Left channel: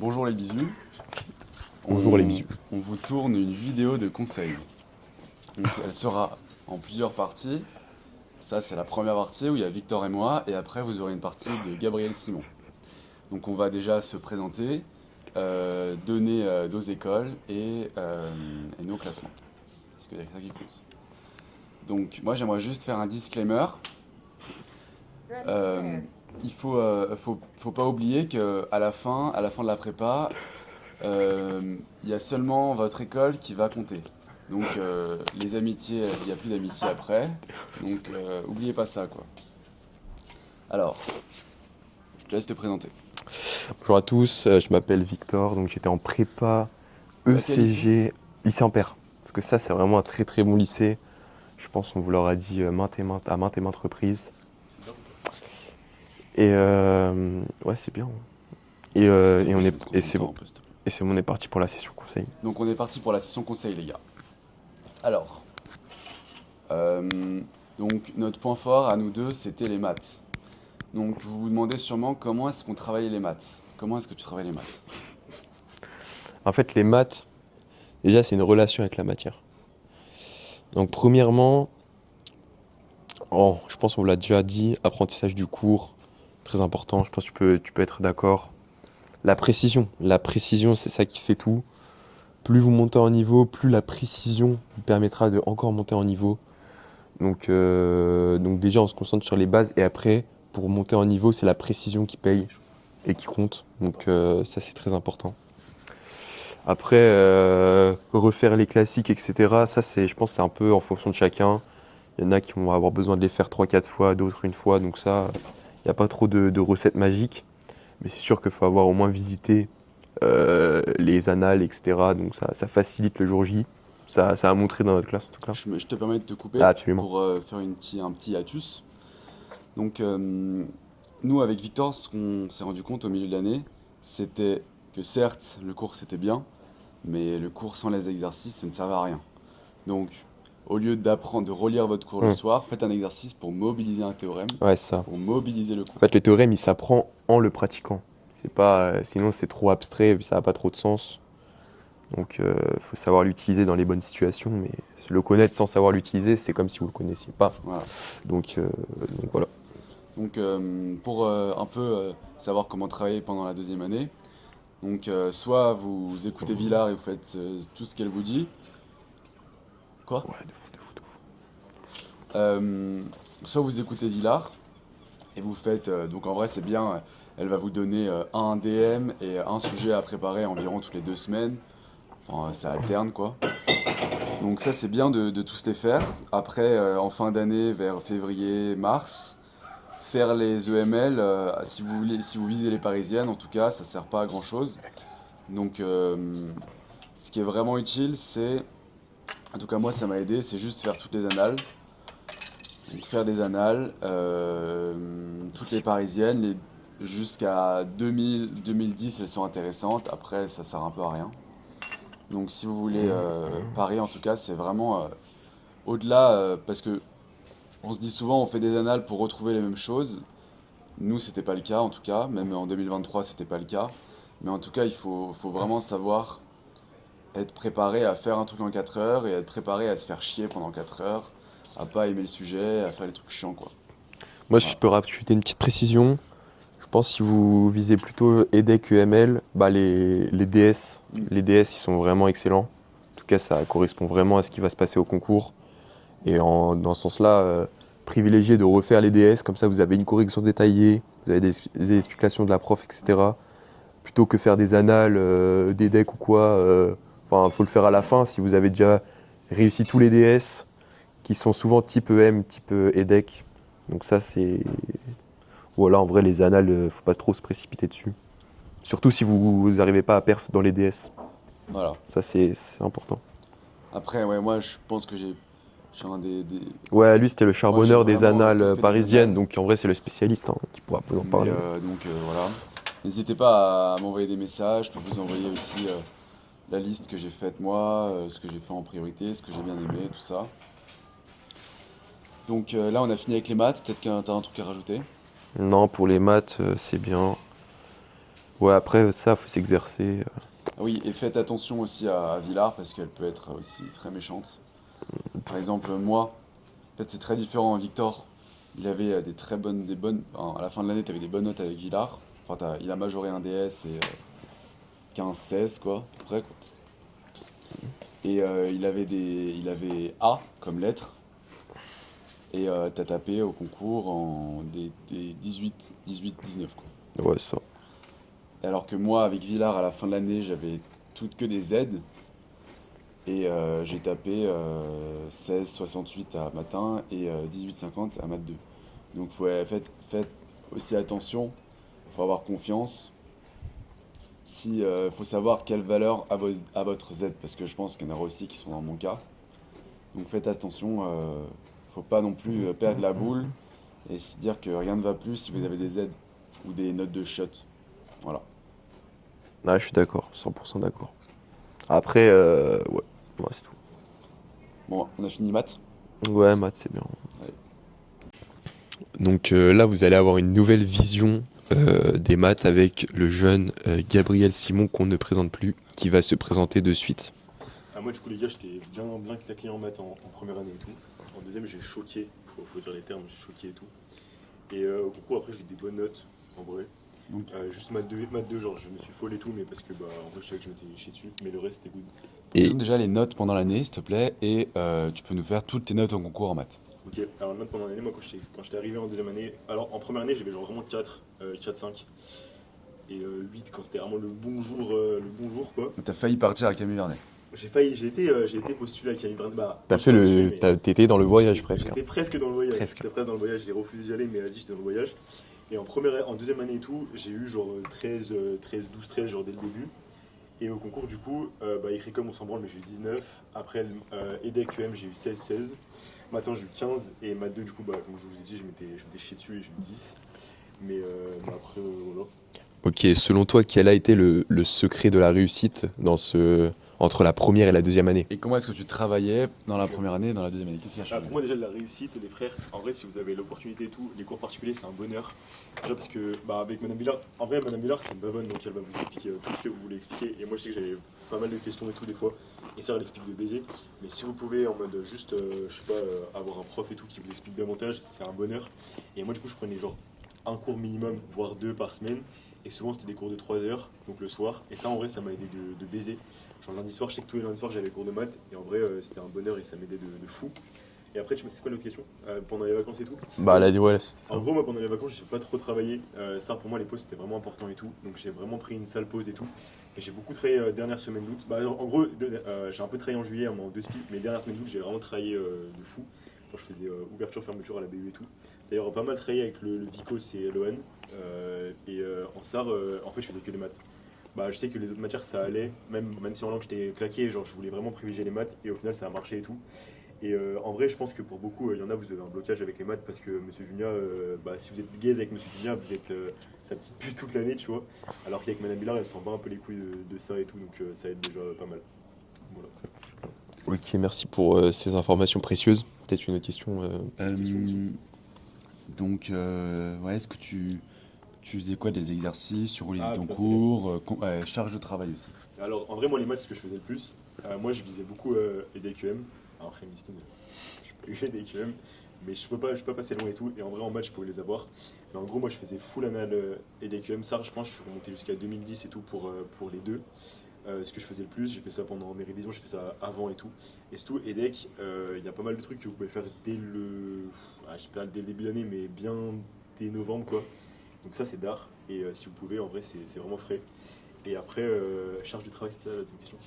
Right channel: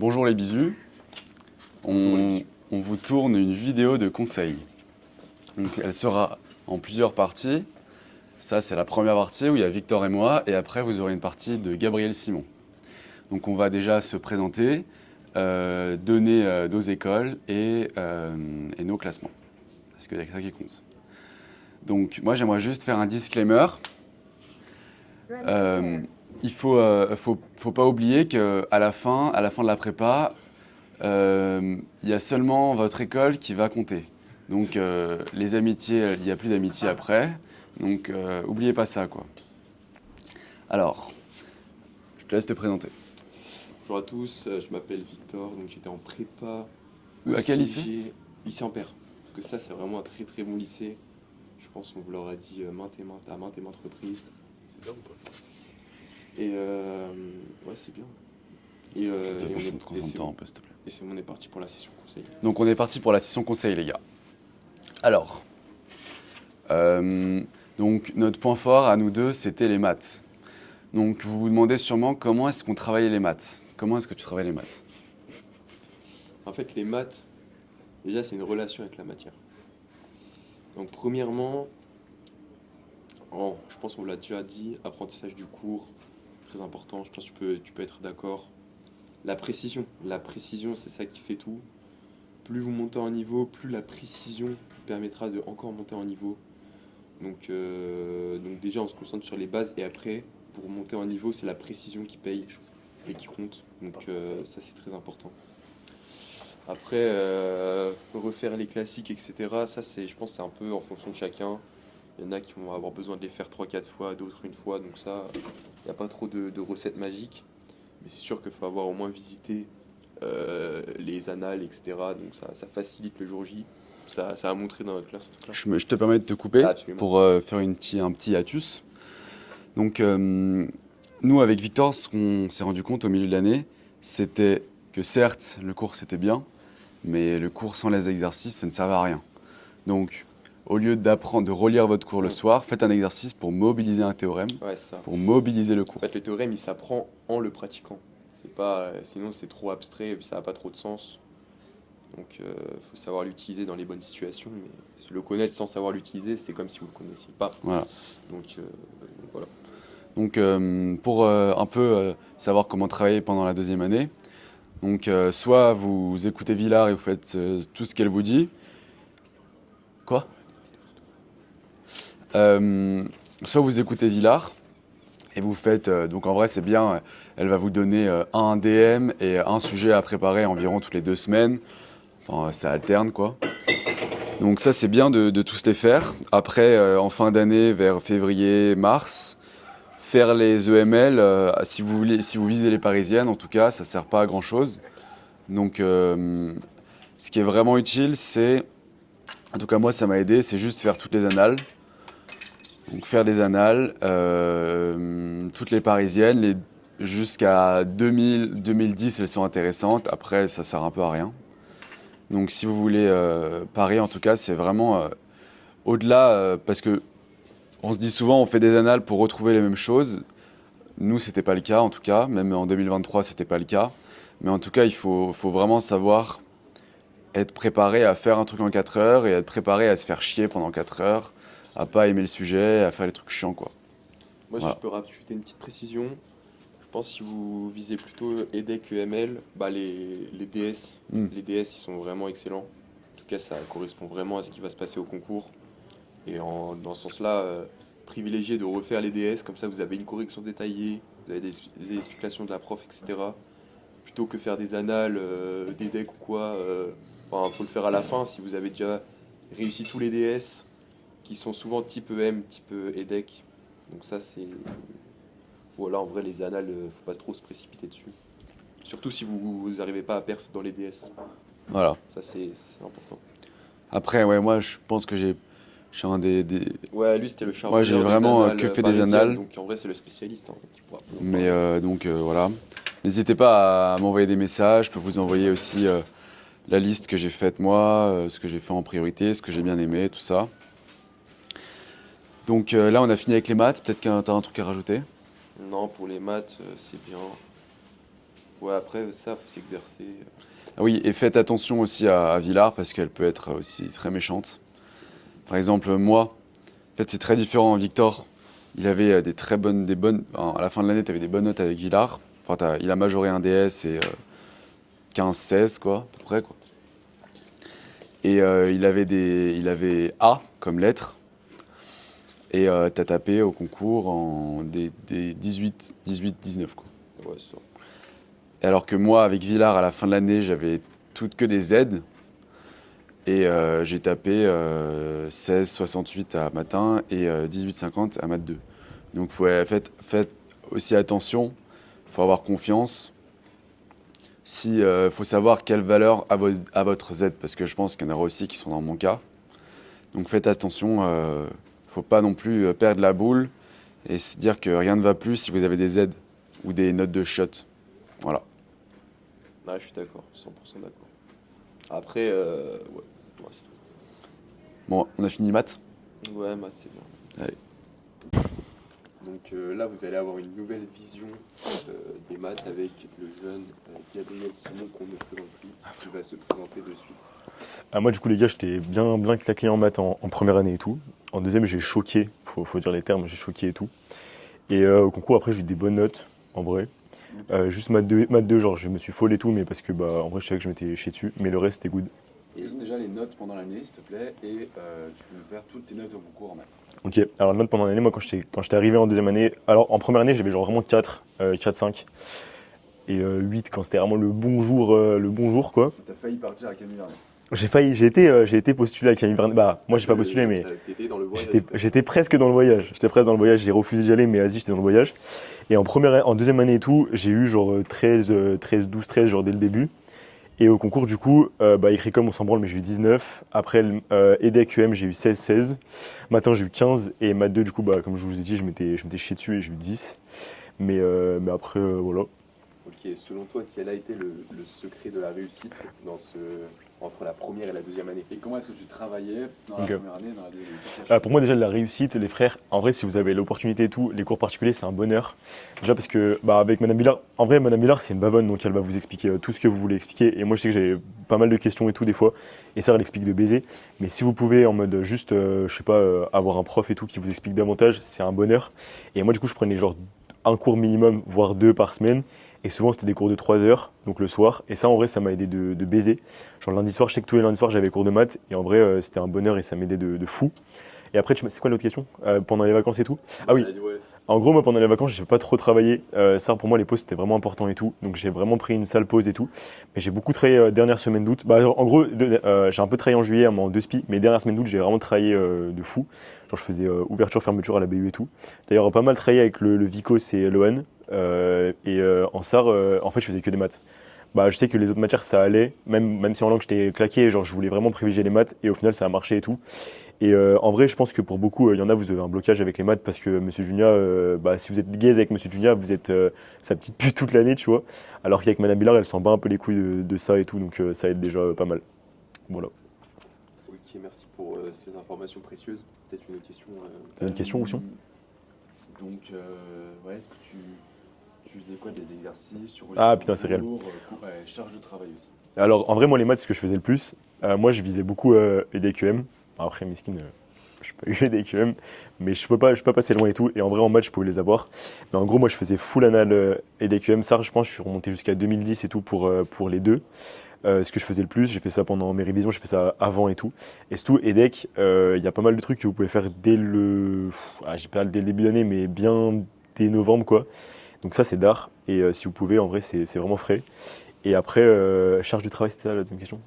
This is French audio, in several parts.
Bonjour les bisous. Bonjour les bisous. On vous tourne une vidéo de conseil. Donc, elle sera en plusieurs parties. Ça, c'est la première partie où il y a Victor et moi. Et après, vous aurez une partie de Gabriel Simon. Donc, on va déjà se présenter, donner nos écoles et nos classements. Parce qu'il y a que ça qui compte. Donc, moi, j'aimerais juste faire un disclaimer. Il faut pas oublier qu'à la fin de la prépa, il y a seulement votre école qui va compter. Donc les amitiés, il n'y a plus d'amitié après. Donc oubliez pas ça, quoi. Alors, je te laisse te présenter. Bonjour à tous, je m'appelle Victor, donc j'étais en prépa Quel lycée ECG, lycée Ampère. Parce que ça, c'est vraiment un très très bon lycée. Je pense qu'on vous l'aura dit à maintes et maintes reprises. Et ouais, c'est bien. Et on est parti pour la session conseil. Donc on est parti pour la session conseil, les gars. Alors, donc notre point fort à nous deux, c'était les maths. Donc vous vous demandez sûrement comment est-ce qu'on travaillait les maths. Comment est-ce que tu travailles les maths? En fait, les maths, déjà, c'est une relation avec la matière. Donc, premièrement, je pense qu'on vous l'a déjà dit, apprentissage du cours, très important, je pense que tu peux être d'accord. La précision, c'est ça qui fait tout. Plus vous montez en niveau, plus la précision vous permettra de encore monter en niveau. Donc déjà, on se concentre sur les bases et après, pour monter en niveau, c'est la précision qui paye et qui compte. Donc ça, c'est très important. Après, refaire les classiques, etc., ça, je pense, c'est un peu en fonction de chacun. Il y en a qui vont avoir besoin de les faire 3-4 fois, d'autres une fois. Donc ça, il n'y a pas trop de recettes magiques. Mais c'est sûr qu'il faut avoir au moins visité les annales, etc. Donc ça facilite le jour J. Ça a montré dans notre classe, en tout cas. Je te permets de te couper Absolument. pour faire un petit hiatus. Donc, nous, avec Victor, ce qu'on s'est rendu compte au milieu de l'année, c'était que certes, le cours c'était bien, mais le cours sans les exercices, ça ne servait à rien. Donc, au lieu d'apprendre, de relire votre cours le soir, faites un exercice pour mobiliser un théorème, Ouais, ça. pour mobiliser le cours. En fait, le théorème, il s'apprend en le pratiquant. C'est pas, sinon, c'est trop abstrait et puis ça n'a pas trop de sens. Donc, il faut savoir l'utiliser dans les bonnes situations. Mais le connaître sans savoir l'utiliser, c'est comme si vous ne le connaissiez pas. Voilà. Donc voilà. Donc, pour un peu savoir comment travailler pendant la deuxième année, donc soit vous écoutez Villard et vous faites tout ce qu'elle vous dit. Quoi? Soit vous écoutez Villard et vous faites. Donc en vrai, c'est bien. Elle va vous donner un DM et un sujet à préparer environ toutes les 2 semaines. Enfin, ça alterne, quoi. Donc ça, c'est bien de tous les faire. Après, en fin d'année, vers février, mars, faire les EML, si vous visez les parisiennes, en tout cas, ça sert pas à grand chose. Donc, ce qui est vraiment utile, c'est, en tout cas moi, ça m'a aidé, c'est juste faire toutes les annales. Donc faire des annales, toutes les parisiennes, jusqu'à 2000, 2010, elles sont intéressantes. Après, ça sert un peu à rien. Donc si vous voulez parier, en tout cas, c'est vraiment au-delà, parce que on se dit souvent, on fait des annales pour retrouver les mêmes choses. Nous, c'était pas le cas, en tout cas. Même en 2023, c'était pas le cas. Mais en tout cas, il faut vraiment savoir être préparé à faire un truc en 4 heures et être préparé à se faire chier pendant 4 heures, à pas aimer le sujet, à faire les trucs chiants, quoi. Moi, Voilà. je peux rajouter une petite précision. Je pense que si vous visez plutôt EDEC, UML, les DS, les DS, ils sont vraiment excellents. En tout cas, ça correspond vraiment à ce qui va se passer au concours. Et dans ce sens-là, privilégiez de refaire les DS, comme ça vous avez une correction détaillée, vous avez des explications de la prof, etc. Plutôt que faire des annales, d'EDEC ou quoi. Enfin, faut le faire à la fin si vous avez déjà réussi tous les DS, qui sont souvent type EM, type EDEC. Donc ça, c'est... Voilà, en vrai, les annales, faut pas trop se précipiter dessus. Surtout si vous n'arrivez pas à perf dans les DS. Voilà. Ça, c'est important. Après, ouais, moi, je pense que je suis un des... Ouais, lui, c'était le j'ai charbonneur des vraiment, annales que fait des parisiennes. annales. Donc, en vrai, c'est le spécialiste qui pourra vous en Mais parler. donc voilà. N'hésitez pas à m'envoyer des messages. Je peux vous envoyer aussi la liste que j'ai faite moi, ce que j'ai fait en priorité, ce que j'ai bien aimé, tout ça. Donc là, on a fini avec les maths. Peut-être que tu as un truc à rajouter. Non, pour les maths, c'est bien. Ouais, après, ça, faut s'exercer. Ah oui, et faites attention aussi à Villars parce qu'elle peut être aussi très méchante. Par exemple, moi, en fait, c'est très différent. Victor, il avait à la fin de l'année, tu avais des bonnes notes avec Villars. Enfin, il a majoré un DS et 15-16, quoi, à peu près, quoi. Et il avait A comme lettre. Et t'as tapé au concours en des 18-19, quoi. Ouais, ça. Et alors que moi, avec Villars, à la fin de l'année, j'avais toutes que des Z. Et j'ai tapé 16,68 à matin et 18,50 à maths 2. Donc faites aussi attention, il faut avoir confiance. Faut savoir quelle valeur a votre Z, parce que je pense qu'il y en aura aussi qui sont dans mon cas. Donc faites attention, faut pas non plus perdre la boule et se dire que rien ne va plus si vous avez des Z ou des notes de shot. Voilà. Ouais, je suis d'accord, 100% d'accord. Après, ouais, c'est tout. Bon, on a fini maths. Ouais, maths, c'est bien. Allez. Donc là, vous allez avoir une nouvelle vision des maths avec le jeune Gabriel Simon qu'on ne présente plus, qui va se présenter de suite. Moi, du coup, les gars, j'étais bien claqué en maths en première année et tout. En deuxième, j'ai choqué, faut dire les termes, j'ai choqué et tout. Et au concours, après, j'ai eu des bonnes notes, en vrai. Juste maths 2, genre, je me suis folle et tout, mais parce que, en vrai, je savais que je m'étais chié dessus. Mais le reste, c'était good. Et Donne déjà les notes pendant l'année, s'il te plaît, et tu peux nous faire toutes tes notes au concours en maths. Ok, alors les notes pendant l'année, moi, quand j'étais arrivé en deuxième année, alors en première année, j'avais genre vraiment 4, 4, 5. Et 8 quand c'était vraiment le bon jour, quoi. T'as failli partir à Camille Vernet. J'ai été postulé à Camille Vernet. Bah, moi, je suis pas postulé, mais. T'étais dans le voyage. J'étais presque dans le voyage. J'étais presque dans le voyage. J'ai refusé d'y aller, mais vas-y, j'étais dans le voyage. Et en deuxième année et tout, j'ai eu genre 12, 13, genre dès le début. Et au concours, du coup, écrit comme on s'en branle, mais j'ai eu 19. Après, EDEC UM, j'ai eu 16, 16. Matin, j'ai eu 15. Et maths 2, du coup, comme je vous ai dit, je m'étais chié dessus et j'ai eu 10. Mais après, voilà. Ok, selon toi, quel a été le secret de la réussite entre la première et la deuxième année? Et comment est-ce que tu travaillais dans la Ok. première année et dans la deuxième année? Qu'est-ce qui a changé Pour moi, déjà, la réussite, les frères, en vrai, si vous avez l'opportunité et tout, les cours particuliers, c'est un bonheur. Déjà parce que, avec Madame Villard, en vrai, Madame Villard, c'est une bavonne, donc elle va vous expliquer tout ce que vous voulez expliquer. Et moi, je sais que j'ai pas mal de questions et tout, des fois. Et ça, elle explique de baiser. Mais si vous pouvez, en mode juste, je sais pas, avoir un prof et tout qui vous explique davantage, c'est un bonheur. Et moi, du coup, je prenais genre un cours minimum, voire 2 par semaine. Et souvent, c'était des cours de 3 heures, donc le soir. Et ça, en vrai, ça m'a aidé de baiser. Genre, le lundi soir, je sais que tous les lundis soirs, j'avais cours de maths. Et en vrai, c'était un bonheur et ça m'aidait de fou. Et après, c'est quoi l'autre question? Pendant les vacances et tout? Bah, Ah oui. elle a dit ouais. En gros, moi, pendant les vacances, j'ai pas trop travaillé. Ça, pour moi, les pauses, c'était vraiment important et tout. Donc, j'ai vraiment pris une sale pause et tout. Mais j'ai beaucoup travaillé dernière semaine d'août. En gros, j'ai un peu travaillé en juillet, en 2 SPI. Mais dernière semaine d'août, j'ai vraiment travaillé de fou. Genre, je faisais ouverture, fermeture à la BU et tout. D'ailleurs, pas mal travaillé avec le Vico, c'est Lohan. En SAR, en fait, je faisais que des maths. Je sais que les autres matières, ça allait. Même si en langue, j'étais claqué. Genre, je voulais vraiment privilégier les maths. Et au final, ça a marché et tout. Et en vrai, je pense que pour beaucoup, il y en a, vous avez un blocage avec les maths parce que Monsieur Junia, si vous êtes gaze avec Monsieur Junia, vous êtes sa petite pute toute l'année, tu vois. Alors qu'avec Madame Billard, elle s'en bat un peu les couilles de ça et tout, donc ça aide déjà pas mal. Voilà. Ok, merci pour ces informations précieuses. Peut-être une autre question. T'as une question, Oussion? Donc, ouais, est-ce que tu faisais quoi, des exercices, tu roulais Ah, ton putain, c'est réel. cours, charge de travail aussi? Alors, en vrai, moi, les maths, c'est ce que je faisais le plus. Moi, je visais beaucoup EDQM. Après, Miskin, je n'ai pas eu EDQM, mais je peux pas passer loin et tout. Et en vrai, en maths, je pouvais les avoir. Mais en gros, moi, je faisais full anal EDQM. Ça, je pense, je suis remonté jusqu'à 2010 et tout pour les deux. Ce que je faisais le plus, j'ai fait ça pendant mes révisions, j'ai fait ça avant et tout. Et surtout, EDEC, il y a pas mal de trucs que vous pouvez faire j'ai pas dès le début d'année, mais bien dès novembre, quoi. Donc ça, c'est d'art. Et si vous pouvez, en vrai, c'est vraiment frais. Et après, charge de travail, c'était ça la deuxième question.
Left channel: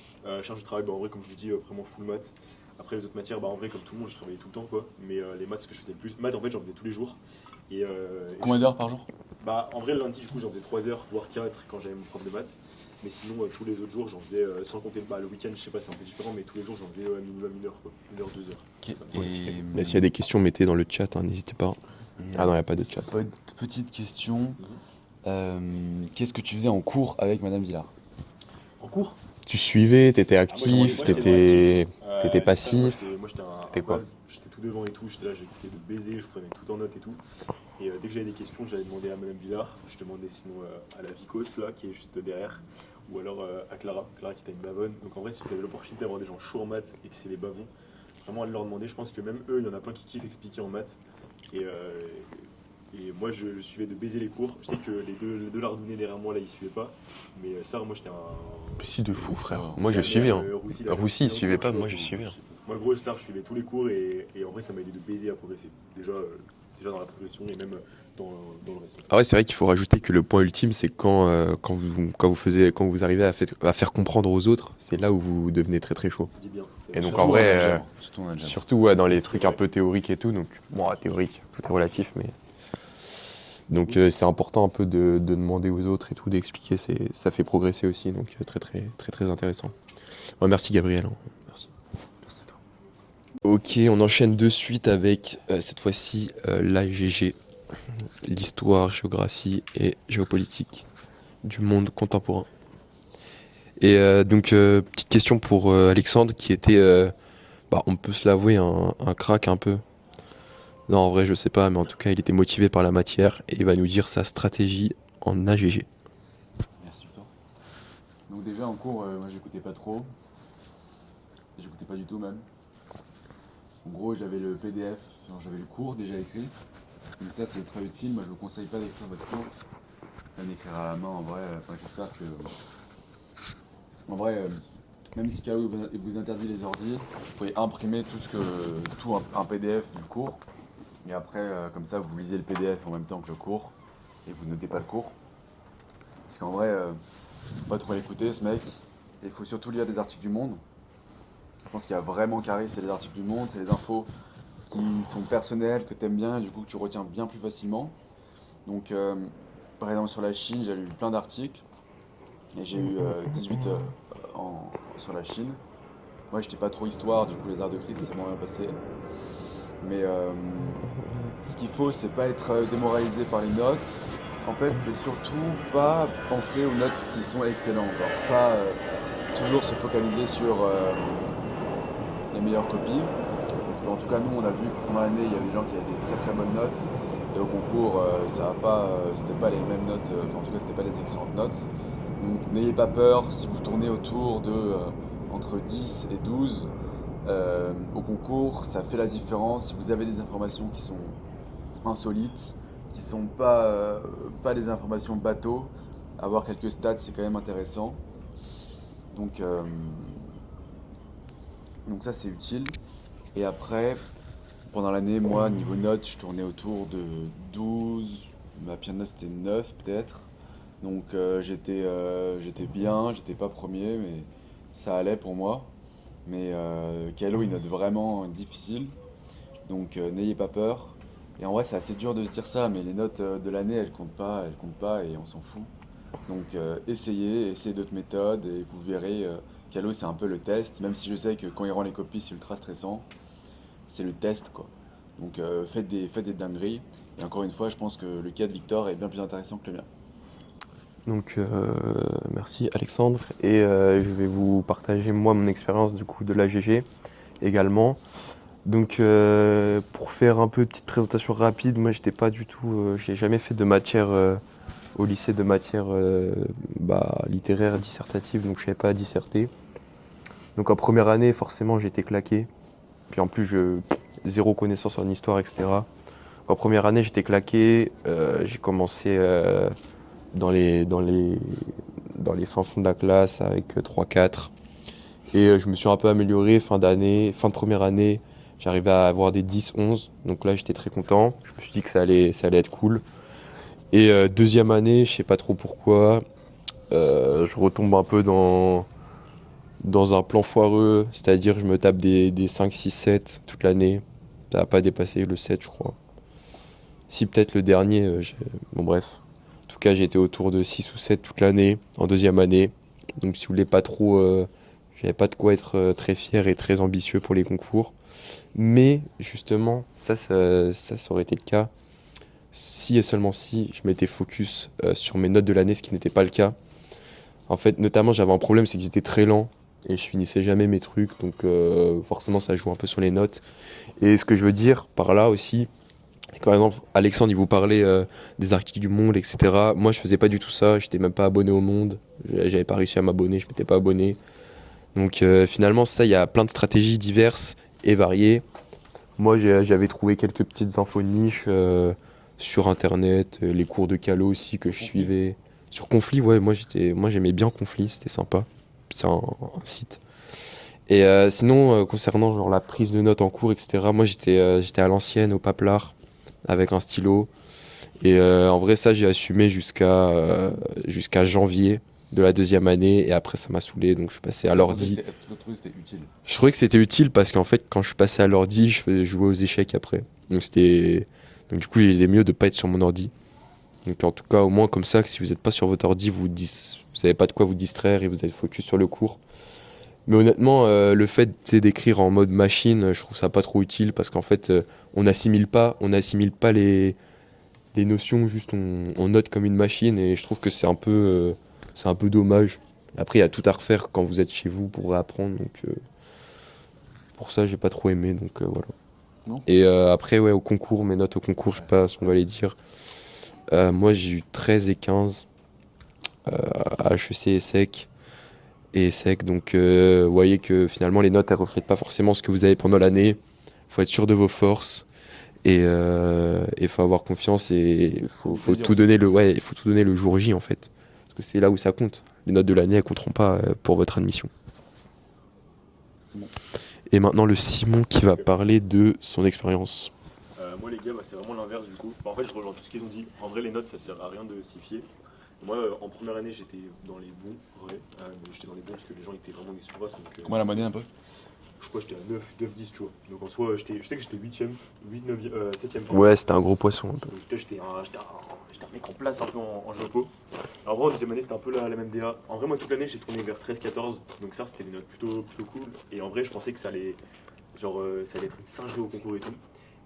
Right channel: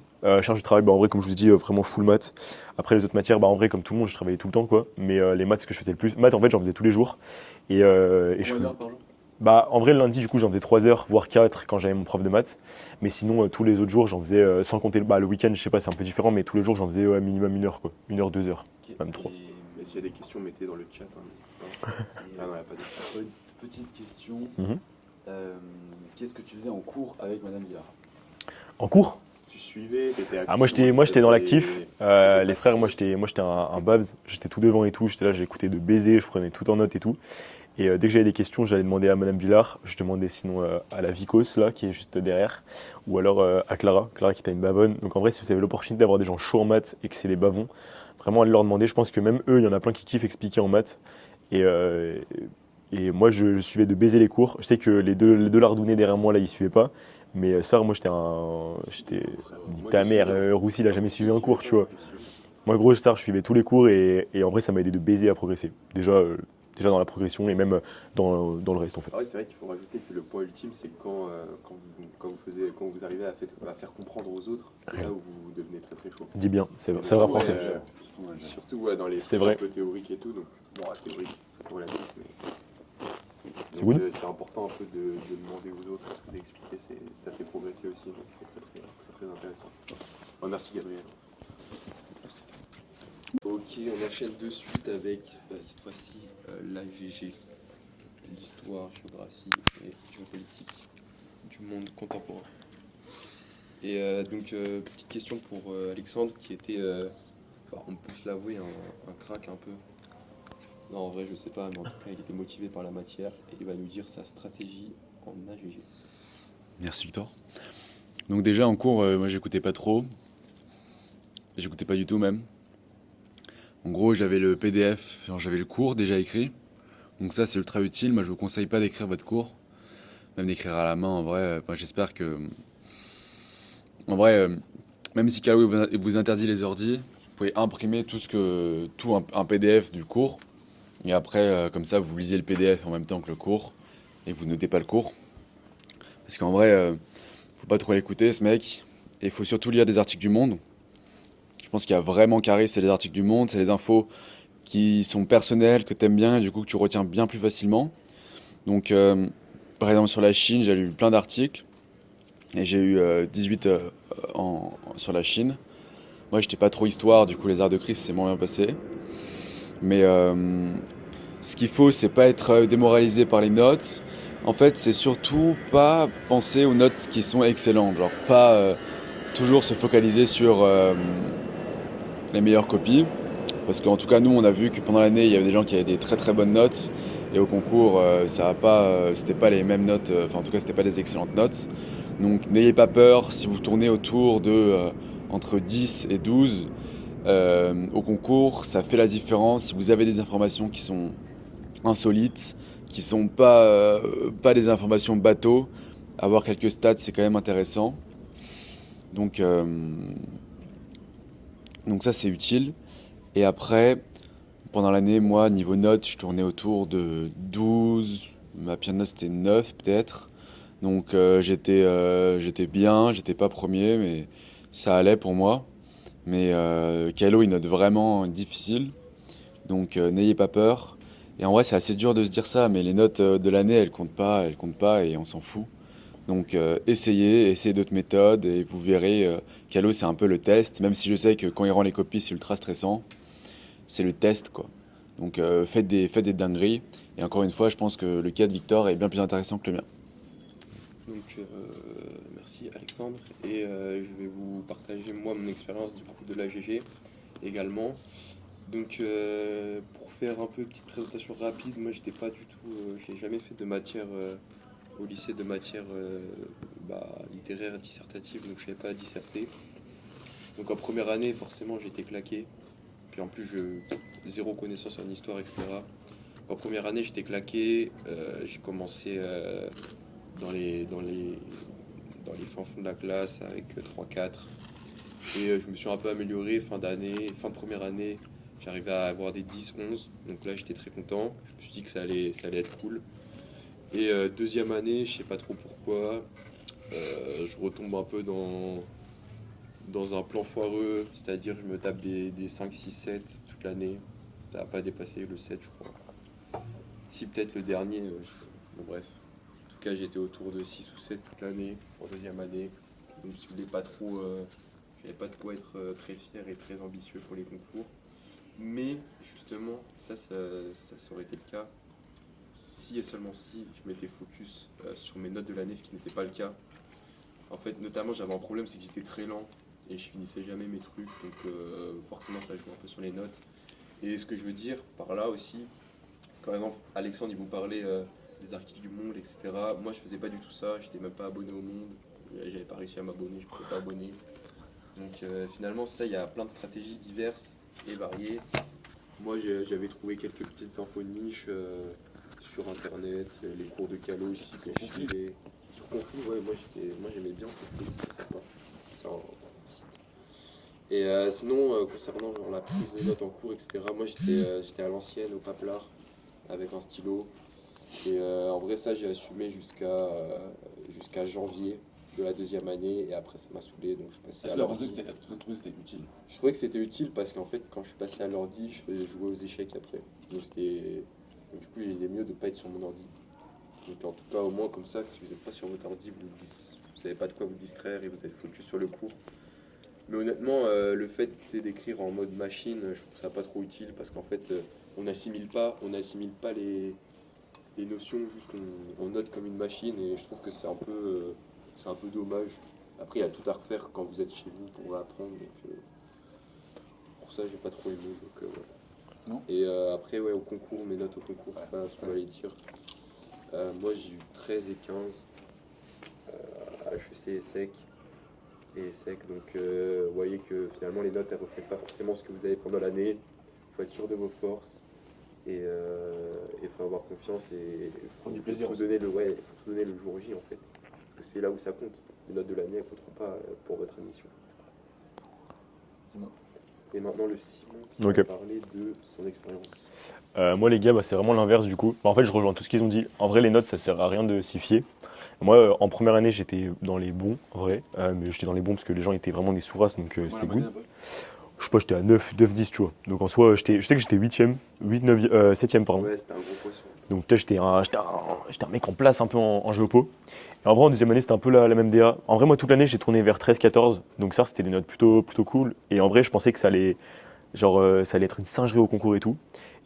Charge de travail, en vrai, comme je vous ai dit, vraiment full maths. Après, les autres matières, en vrai, comme tout le monde, je travaillais tout le temps, quoi. Mais les maths, c'est ce que je faisais le plus. Maths, en fait, j'en faisais tous les jours. Et Combien d'heures par jour? en vrai, le lundi, du coup, j'en faisais 3 heures, voire 4 quand j'avais mon prof de maths. Mais sinon, tous les autres jours, j'en faisais, sans compter le week-end, je sais pas, c'est un peu différent, mais tous les jours, j'en faisais minimum 1 heure, quoi. 1 heure, 2 heures. Ok. Même toi, Et, Bah, s'il y a des questions, mettez dans le chat, hein, n'hésitez pas. Ah non, il n'y a pas de chat. petite question. Mhm. Qu'est-ce que tu faisais en cours avec Madame Villard? En cours? Tu suivais, t'étais actif, Moi, j'étais dans l'actif. t'étais Les passif. frères, moi, j'étais un T'es Babs. J'étais tout devant et tout. J'étais là, j'écoutais de baiser, je prenais tout en note et tout. Et dès que j'avais des questions, j'allais demander à Madame Villard. Je demandais sinon à la Vicos, là, qui est juste derrière. Ou alors à Clara. Clara qui était une bavonne. Donc en vrai, si vous avez l'opportunité d'avoir des gens chauds en maths et que c'est des bavons, vraiment allez leur demander. Je pense que même eux, il y en a plein qui kiffent expliquer en maths. Et moi, je suivais de baiser les cours. Je sais que les deux lardonnés derrière moi, là, ils suivaient pas. Mais ça, moi, j'étais un. Si de fou, frère. Moi, Moi, je suivais. Roussi, il a jamais Roussi, suivi il un suivait cours, pas, tu vois. moi, je suivais. Moi, gros, ça, je suivais tous les cours et en vrai, ça m'a aidé de baiser à progresser. Déjà dans la progression et même dans le reste, en fait. Ah ouais, c'est vrai qu'il faut rajouter que le point ultime, c'est quand vous arrivez à faire comprendre aux autres, c'est là où vous devenez très très chaud. Dis bien, c'est Et vrai. donc, en vrai, Ça gère. Surtout dans le gym. Surtout ouais, dans les C'est trucs vrai. un peu théoriques et tout, donc bon, théorique, tout est relatif, mais donc Oui. c'est important un peu de demander aux autres et tout, d'expliquer, ça fait progresser aussi, donc très très très très intéressant. Ouais, merci Gabriel. Merci. Merci à toi. Ok, on enchaîne de suite avec cette fois-ci l'AGG, l'histoire, géographie et géopolitique du monde contemporain. Et donc petite question pour Alexandre qui était, on peut se l'avouer, un crack un peu. Non, en vrai, je sais pas, mais en tout cas, il était motivé par la matière et il va nous dire sa stratégie en AGG. Merci Victor. Donc déjà en cours, moi j'écoutais pas trop. J'écoutais pas du tout même. En gros, j'avais le PDF, genre, j'avais le cours déjà écrit. Donc ça c'est ultra utile. Moi je vous conseille pas d'écrire votre cours, même d'écrire à la main en vrai. J'espère que... En vrai, même si Calo vous interdit les ordis, vous pouvez imprimer un PDF du cours. Et après, comme ça, vous lisez le PDF en même temps que le cours. Et vous notez pas le cours. Parce qu'en vrai, faut pas trop l'écouter ce mec. Et il faut surtout lire des articles du Monde. Je pense qu'il y a vraiment carré, c'est les articles du Monde, c'est les infos qui sont personnelles, que t'aimes bien et du coup que tu retiens bien plus facilement. Donc, par exemple, sur la Chine, j'ai lu plein d'articles. Et j'ai eu 18 sur la Chine. Moi, j'étais pas trop histoire, du coup, les arts de crise, c'est moins bien passé. Mais ce qu'il faut, c'est pas être démoralisé par les notes. En fait, c'est surtout pas penser aux notes qui sont excellentes. Genre, pas toujours se focaliser sur les meilleures copies. Parce qu'en tout cas, nous, on a vu que pendant l'année, il y avait des gens qui avaient des très très bonnes notes. Et au concours, c'était pas les mêmes notes. En tout cas, c'était pas des excellentes notes. Donc, n'ayez pas peur si vous tournez autour de entre 10 et 12. Au concours, ça fait la différence. Si vous avez des informations qui sont insolites, qui sont pas des informations bateau, avoir quelques stats, c'est quand même intéressant. Donc, donc ça, c'est utile. Et après, pendant l'année, moi, niveau notes, je tournais autour de 12. Ma pire note, c'était 9 peut-être. Donc j'étais bien, j'étais pas premier, mais ça allait pour moi. Mais Calo, il note vraiment difficile. Donc n'ayez pas peur. Et en vrai, c'est assez dur de se dire ça, mais les notes de l'année, elles comptent pas et on s'en fout. Donc essayez d'autres méthodes et vous verrez. Calo, c'est un peu le test, même si je sais que quand il rend les copies, c'est ultra stressant. C'est le test, quoi. Donc faites des dingueries. Et encore une fois, je pense que le cas de Victor est bien plus intéressant que le mien. Donc merci Alexandre et je vais vous partager moi mon expérience du coup de l'AGG également. Donc pour faire un peu petite présentation rapide, moi j'étais pas du tout, j'ai jamais fait de matière au lycée de matière littéraire dissertative, donc je savais pas disserter. Donc en première année forcément j'ai été claqué, puis en plus zéro connaissance en histoire, etc. En première année j'étais claqué, j'ai commencé dans les fins fonds de la classe avec 3-4. Et je me suis un peu amélioré fin de première année, j'arrivais à avoir des 10-11. Donc là j'étais très content. Je me suis dit que ça allait être cool. Et deuxième année, je sais pas trop pourquoi, je retombe un peu dans un plan foireux, c'est-à-dire je me tape des 5, 6, 7 toute l'année. Ça n'a pas dépassé le 7 je crois. Si peut-être le dernier, bon bref. En tout cas, j'ai été autour de 6 ou 7 toute l'année, en deuxième année. Donc si vous voulez pas trop, j'avais pas de quoi être très fier et très ambitieux pour les concours. Mais justement, ça aurait été le cas si et seulement si je m'étais focus sur mes notes de l'année, ce qui n'était pas le cas. En fait, notamment, j'avais un problème, c'est que j'étais très lent et je finissais jamais mes trucs. Donc, forcément, ça joue un peu sur les notes. Et ce que je veux dire par là aussi, c'est que par exemple, Alexandre, il vous parlait des articles du Monde, etc. Moi, je faisais pas du tout ça. J'étais même pas abonné au Monde. J'avais pas réussi à m'abonner. Je m'étais pas abonné. Donc, finalement, ça, il y a plein de stratégies diverses et variées. Moi, j'avais trouvé quelques petites infos de niche sur Internet, les cours de Calo aussi que je suivais. Sur Conflit, ouais, moi j'aimais bien Conflit, c'était sympa. C'est un site. Et sinon, concernant genre la prise de notes en cours, etc., moi j'étais à l'ancienne, au paplard, avec un stylo. Et en vrai, ça, j'ai assumé jusqu'à janvier de la deuxième année. Et après, ça m'a saoulé, donc je suis passé à l'ordi. Je trouvais que c'était utile. Je trouvais que c'était utile parce qu'en fait, quand je suis passé à l'ordi, je jouais aux échecs après. Donc du coup, il est mieux de pas être sur mon ordi. Donc en tout cas, au moins comme ça, que si vous n'êtes pas sur votre ordi, vous n'avez pas de quoi vous distraire et vous êtes focus sur le cours. Mais honnêtement, le fait tu sais, d'écrire en mode machine, je trouve ça pas trop utile parce qu'en fait, on n'assimile pas les notions, juste on note comme une machine et je trouve que c'est un peu dommage. Après, il y a tout à refaire quand vous êtes chez vous pour réapprendre. Donc pour ça, j'ai pas trop aimé. Donc voilà. Non. Et après, ouais, au concours, mes notes au concours, je sais pas ce qu'on va les dire. Moi, j'ai eu 13 et 15 à HEC et SEC. Et SEC, donc vous voyez que finalement, les notes, elles reflètent pas forcément ce que vous avez pendant l'année. Faut être sûr de vos forces. Et il faut avoir confiance et faut tout donner il faut tout donner le jour J en fait. Parce que c'est là où ça compte. Les notes de l'année, elles compteront pas pour votre admission. Et maintenant, le Simon qui va Ok. parler de son expérience. Moi, les gars, c'est vraiment l'inverse du coup. En fait, je rejoins tout ce qu'ils ont dit. En vrai, les notes, ça sert à rien de s'y fier. Moi, en première année, j'étais dans les bons, en vrai. Mais j'étais dans les bons parce que les gens étaient vraiment des sous-races. Donc, Moi, la c'était monnaie cool. un peu. Je sais pas, j'étais à 9, 10, tu vois. Donc, en soi, je sais que j'étais 8ème, 8, 9, 7ème, pardon. Ouais, c'était un gros poisson un peu. Donc, tu sais, j'étais un mec en place un peu en géopo. Et en vrai, en deuxième année, c'était un peu la même DA. En vrai, moi, toute l'année, j'ai tourné vers 13, 14. Donc, ça, c'était des notes plutôt cool. Et en vrai, je pensais que ça allait être une singerie au concours et tout.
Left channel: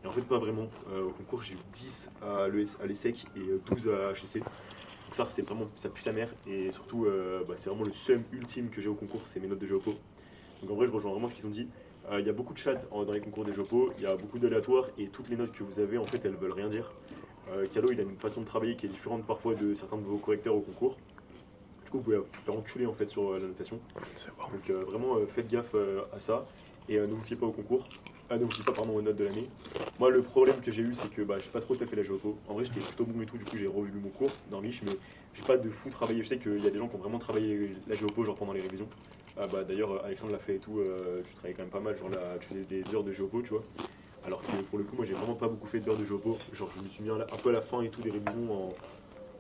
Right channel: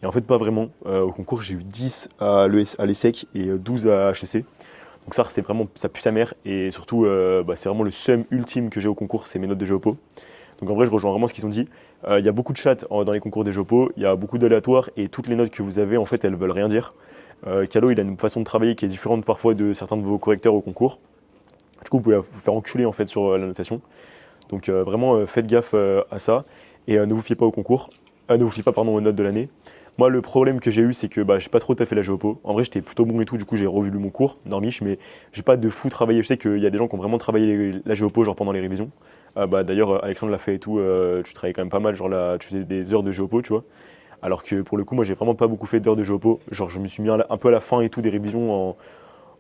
Et en fait, pas vraiment. Au concours, j'ai eu 10 à l'ESSEC et 12 à HEC. Donc ça, c'est vraiment, ça pue sa mère. Et surtout, c'est vraiment le seum ultime que j'ai au concours, c'est mes notes de géopo. Donc en vrai, je rejoins vraiment ce qu'ils ont dit. Il y a beaucoup de chats dans les concours des géopo, il y a beaucoup d'aléatoires et toutes les notes que vous avez, en fait, elles veulent rien dire. Calo, il a une façon de travailler qui est différente parfois de certains de vos correcteurs au concours. Du coup, vous pouvez vous faire enculer en fait sur la notation. Donc vraiment, faites gaffe à ça et ne vous fiez pas au concours. Ne vous fiez pas pardon, aux notes de l'année. Moi, le problème que j'ai eu, c'est que j'ai pas trop taffé la géopo. En vrai, j'étais plutôt bon et tout, du coup, j'ai revu mon cours, normiche, mais j'ai pas de fou travaillé. Je sais qu'il y a des gens qui ont vraiment travaillé la géopo genre pendant les révisions. D'ailleurs, Alexandre l'a fait et tout, tu travaillais quand même pas mal, genre là, tu faisais des heures de géopo, tu vois. Alors que pour le coup, moi, j'ai vraiment pas beaucoup fait d'heures de géopo. Genre, je me suis mis un peu à la fin et tout des révisions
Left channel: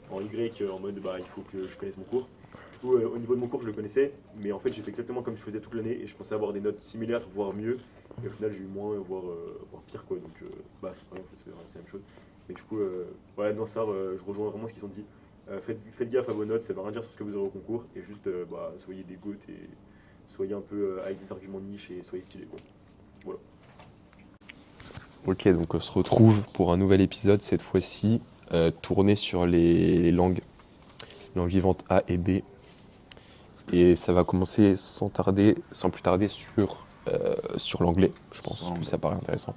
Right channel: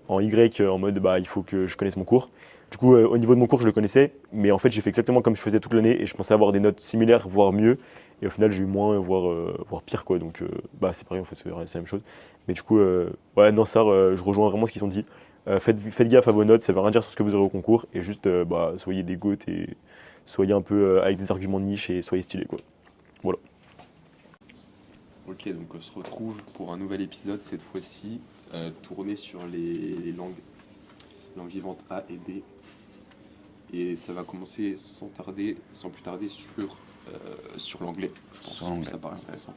en Y, en mode il faut que je connaisse mon cours. Du coup, au niveau de mon cours, je le connaissais, mais en fait, j'ai fait exactement comme je faisais toute l'année et je pensais avoir des notes similaires, voire mieux. Et au final, j'ai eu moins, voire pire, quoi. Donc, c'est pareil, en fait, c'est la même chose. Mais du coup, ouais, non, ça, je rejoins vraiment ce qu'ils ont dit. Faites gaffe à vos notes, ça veut rien dire sur ce que vous aurez au concours. Et juste, soyez des goths et soyez un peu avec des arguments de niche et soyez stylés, quoi. Voilà. Ok, donc on se retrouve pour un nouvel épisode, cette fois-ci tourné sur les langues vivantes A et B. Et ça va commencer sans plus tarder sur l'anglais, je pense. Sur l'anglais. Ça paraît intéressant.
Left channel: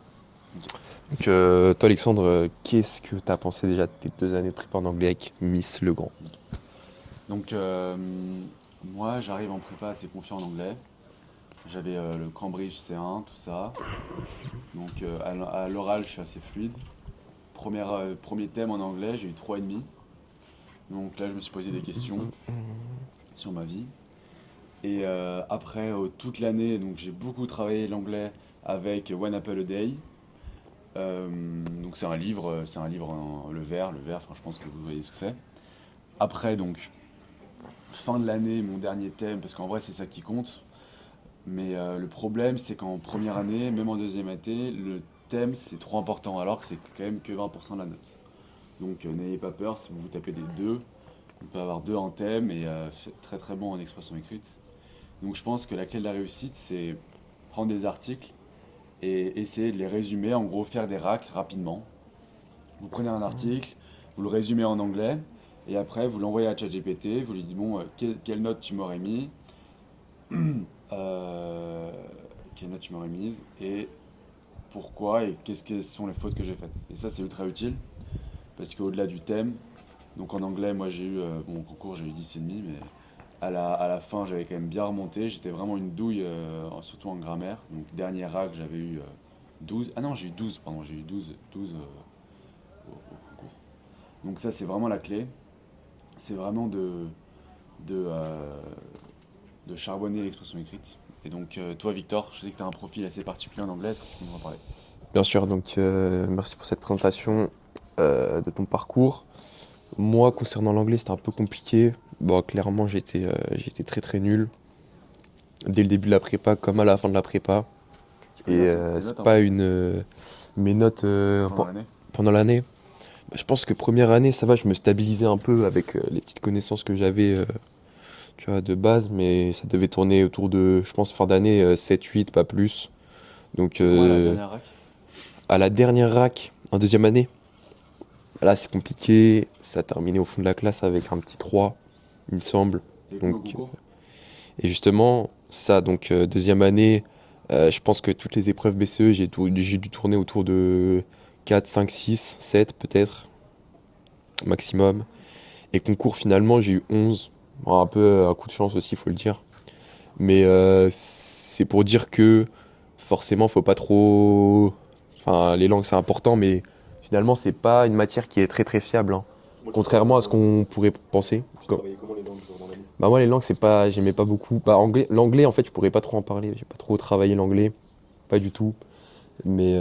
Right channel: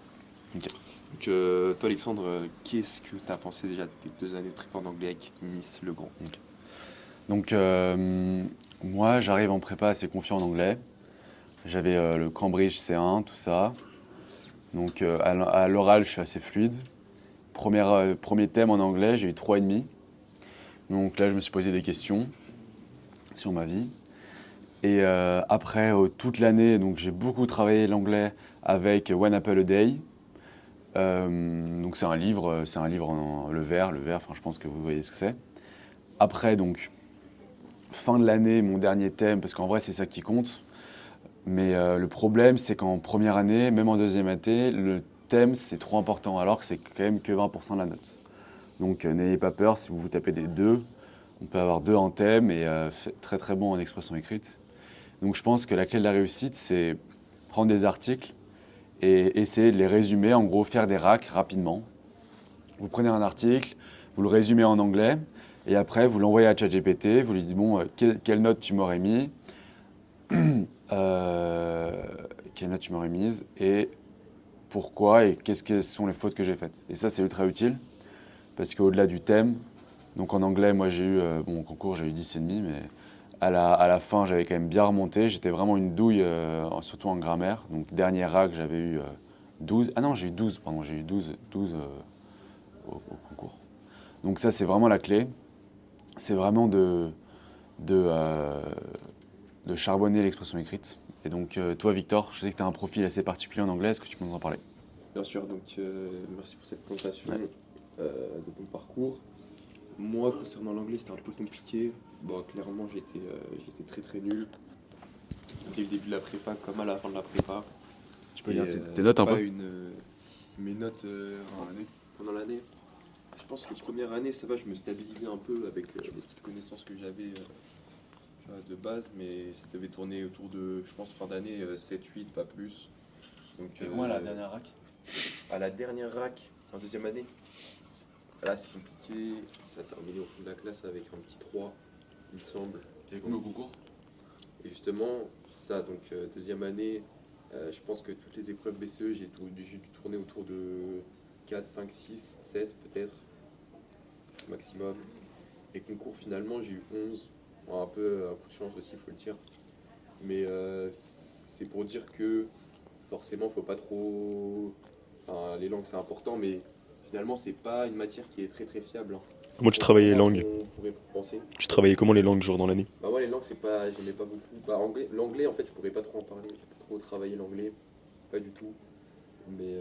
Ok. Donc, toi, Alexandre, qu'est-ce que tu as pensé déjà de tes 2 années de prépa en anglais avec Miss Legrand? Donc, moi, j'arrive en prépa assez confiant en anglais. J'avais le Cambridge C1, tout ça. Donc, à l'oral, je suis assez fluide. Premier thème en anglais, j'ai eu 3,5. Donc là, je me suis posé des questions sur ma vie. Et après, toute l'année, donc j'ai beaucoup travaillé l'anglais avec One Apple a Day. Donc c'est un livre le vert, enfin je pense que vous voyez ce que c'est. Après, donc, fin de l'année, mon dernier thème, parce qu'en vrai c'est ça qui compte. Mais le problème, c'est qu'en première année, même en deuxième année, le thème c'est trop important, alors que c'est quand même que 20% de la note. Donc n'ayez pas peur, si vous vous tapez des 2, on peut avoir 2 en thème et très très bon en expression écrite. Donc je pense que la clé de la réussite, c'est prendre des articles et essayer de les résumer, en gros faire des racks rapidement. Vous prenez un article, vous le résumez en anglais, Et après, vous l'envoyez à ChatGPT, vous lui dites, bon, quelle note tu m'aurais mis euh, quelle note tu m'aurais mise et pourquoi et quelles sont les fautes que j'ai faites. Et ça, c'est ultra utile parce qu'au-delà du thème, donc en anglais, moi j'ai eu, mon concours, j'ai eu 10,5, mais à la fin, j'avais quand même bien remonté. J'étais vraiment une douille, surtout en grammaire. Donc dernier rack, j'avais eu 12. Ah non, j'ai eu 12, pardon, j'ai eu 12 au concours. Donc ça, c'est vraiment la clé. C'est vraiment de, euh, de charbonner l'expression écrite. Et donc, toi, Victor, je sais que tu as un profil assez particulier en anglais. Est-ce que tu peux nous en parler? Bien sûr, donc merci pour cette présentation de ton parcours. Moi, concernant l'anglais, c'était un peu compliqué. Bon, clairement, j'étais très très nul. Dès le début de la prépa, comme à la fin de la prépa. Tu peux Et noter tes c'est notes un pas peu une. Mes notes pendant l'année? pendant l'année. Bah, je pense que première année, ça va, je me stabilisais un peu avec les petites connaissances que j'avais tu vois, de base, mais ça devait tourner autour de, je pense, fin d'année 7-8, pas plus. Donc Et comment la dernière rack? à la dernière rack, en deuxième année, là c'est compliqué. Ça a terminé au fond de la classe avec un petit 3, il me semble. T'es cool au Donc, concours? et justement, ça, donc deuxième année, je pense que toutes les épreuves BCE, j'ai dû tourner autour de 4, 5, 6, 7 peut-être, maximum. Et concours, finalement, j'ai eu 11. Bon, un peu un coup de chance aussi, il faut le dire. Mais c'est pour dire que forcément, faut pas trop. Enfin, les langues, c'est important, mais finalement, c'est pas une matière qui est très très fiable, hein. Comment tu travaillais les Contrairement à ce langues? qu'on pourrait penser. Tu travaillais comment les langues, genre dans l'année? Bah moi, les langues, c'est pas, j'aimais pas beaucoup. Bah l'anglais, en fait, je pourrais pas trop en parler. J'ai pas trop travaillé l'anglais, pas du tout. Mais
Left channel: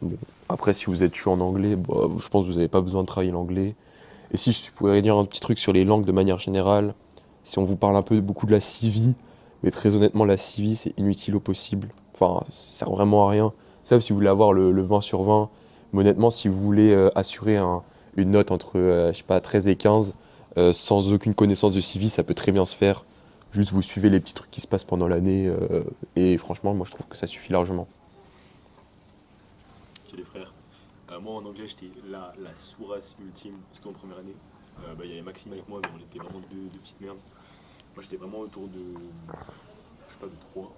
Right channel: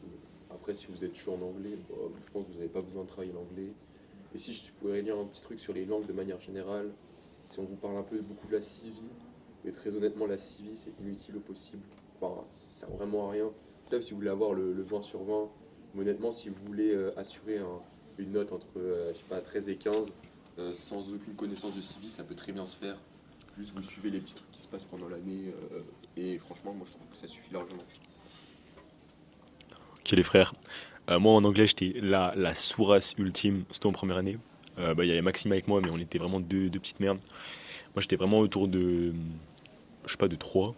bon. Après, si vous êtes chaud en anglais, bah, je pense que vous n'avez pas besoin de travailler l'anglais. Et si je pourrais dire un petit truc sur les langues de manière générale, si on vous parle un peu beaucoup de la civi, mais très honnêtement, la civi, c'est inutile au possible. Enfin, ça sert vraiment à rien. Sauf si vous voulez avoir le 20 sur 20. Mais honnêtement, si vous voulez assurer une note entre, je sais pas, 13 et 15, sans aucune connaissance de civi, ça peut très bien se faire. Juste vous suivez les petits trucs qui se passent pendant l'année. Et franchement, moi, je trouve que ça suffit largement. Ok les frères. Moi en anglais j'étais la sourasse ultime, surtout en première année. Bah, il y avait Maxime avec moi mais on était vraiment deux petites merdes. Moi j'étais vraiment autour de, je sais pas, de 3.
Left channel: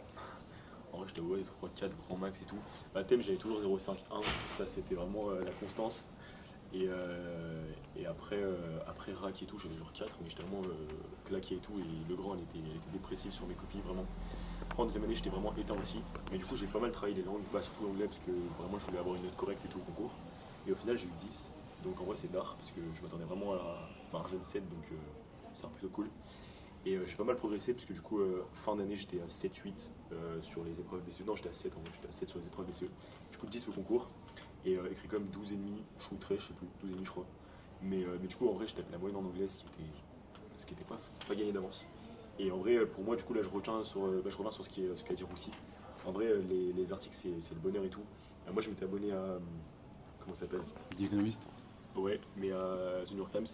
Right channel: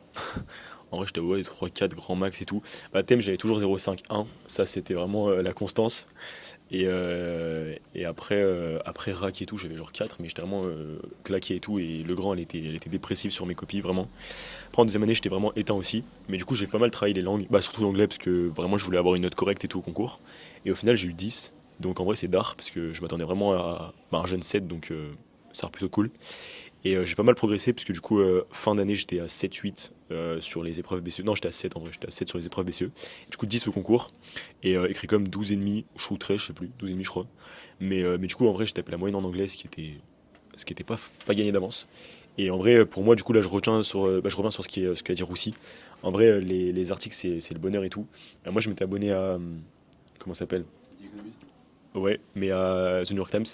En vrai j'étais ouais, 3, 4 grand max et tout. Bah thème j'avais toujours 0,5, 1. Ça c'était vraiment la constance. Et après rack et tout j'avais genre 4 mais j'étais vraiment claqué et tout. Et le grand elle était dépressive sur mes copies vraiment. Après en deuxième année j'étais vraiment éteint aussi. Mais du coup j'ai pas mal travaillé les langues, bah surtout l'anglais parce que vraiment je voulais avoir une note correcte et tout au concours. Et au final j'ai eu 10. Donc en vrai c'est d'art parce que je m'attendais vraiment à bah, un jeune 7 donc ça a l'air plutôt cool. Et j'ai pas mal progressé parce que du coup fin d'année j'étais à 7-8 sur les épreuves BCE. Non j'étais à 7 en vrai, j'étais à 7 sur les épreuves BCE. Du coup 10 au concours et écrit comme 12 et demi, ou 13 je sais plus, 12 et demi je crois. Mais du coup en vrai j'ai tapé la moyenne en anglais ce qui était pas gagné d'avance. Et en vrai, pour moi, du coup, là, je reviens sur ce qu'a dit Roussi. En vrai, les articles, c'est le bonheur et tout. Moi, je m'étais abonné à. Comment ça s'appelle? The Economist? Ouais, mais à The New York Times.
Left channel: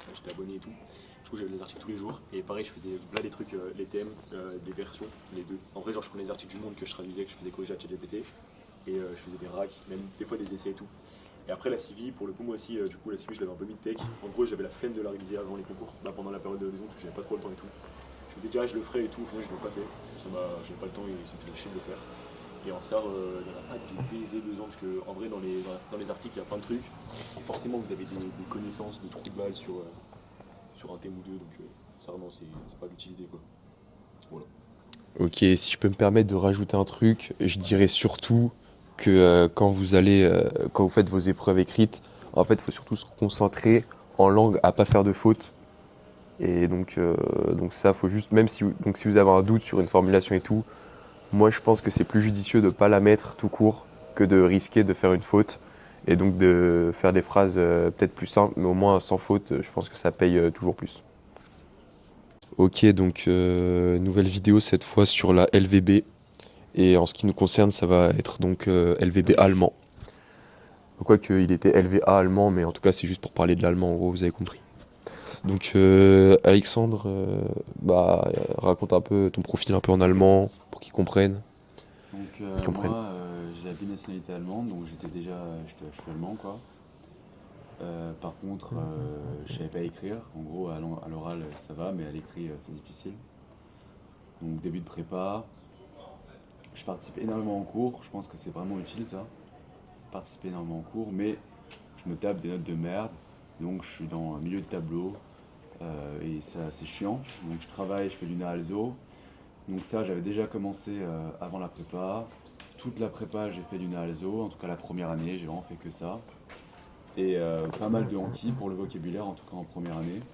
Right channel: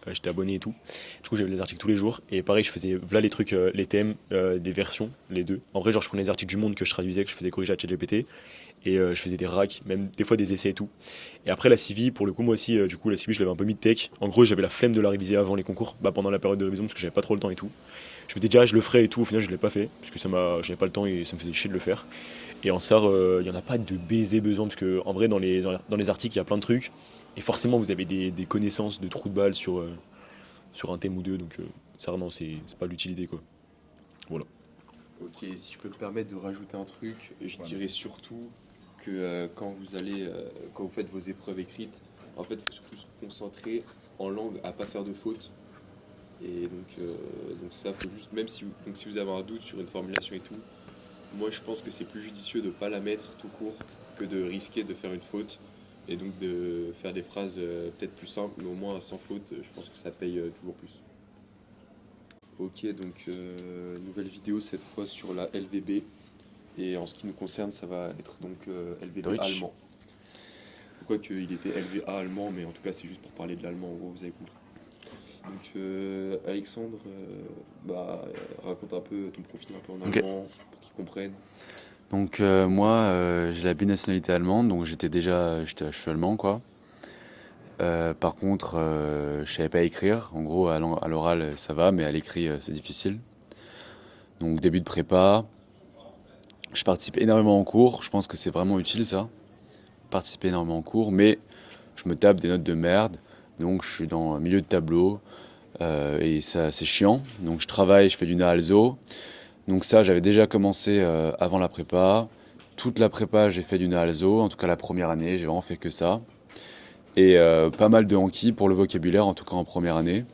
Enfin, j'étais abonné et tout. Du coup, j'avais les articles tous les jours. Et pareil, je faisais voilà les trucs, les thèmes, des versions, les deux. En vrai, genre, je prenais les articles du Monde que je traduisais, que je faisais corriger à ChatGPT. Et je faisais des racks, même des fois des essais et tout. Et après la CV, pour le coup, moi aussi, du coup, la CV, je l'avais un peu mis de tech. En gros, j'avais la flemme de la réviser avant les concours, bah, pendant la période de révision, parce que j'avais pas trop le temps et tout. Je m'étais dit, ah, je le ferai et tout. Au final, je l'ai pas fait, parce que j'avais pas le temps et ça me faisait chier de le faire. Et en SAR, il y en a pas de baiser besoin, parce que en vrai, dans les articles, il y a plein de trucs. Et forcément, vous avez des connaissances de trous de balle sur un thème ou deux. Donc, ça, non, c'est pas l'utilité, quoi. Voilà. Ok, si je peux me permettre de rajouter un truc, je dirais surtout que quand vous faites vos épreuves écrites, en fait, il faut surtout se concentrer en langue à pas faire de fautes. Et donc ça, faut juste, même si vous avez un doute sur une formulation et tout, moi je pense que c'est plus judicieux de pas la mettre tout court que de risquer de faire une faute. Et donc de faire des phrases peut-être plus simples, mais au moins sans faute, je pense que ça paye toujours plus. Ok, donc nouvelle vidéo cette fois sur la LVB. Et en ce qui nous concerne, ça va être donc LVB Wesh. allemand. Quoique il était LVA allemand, mais en tout cas c'est juste pour parler de l'allemand, en gros, vous avez compris. Donc Alexandre, raconte un peu ton profil un peu en Ok. allemand pour qu'ils comprennent. Donc Qu'ils moi, comprennent. j'ai la binationalité allemande, donc je suis allemand quoi. Par contre, je savais pas écrire. En gros, à l'oral, ça va, mais à l'écrit, c'est difficile. Donc, début de prépa, je participe énormément en cours. Je pense que c'est vraiment utile, ça. Participer énormément en cours, mais je me tape des notes de merde. Donc, je suis dans le milieu de tableau. Et ça, c'est chiant. Donc, je travaille, je fais du NAALSO. Donc, ça, j'avais déjà commencé avant la prépa. Toute la prépa, j'ai fait du NAALSO. En tout cas, la première année, j'ai vraiment fait que ça. Et pas mal de Anki pour le vocabulaire, en tout cas en première année.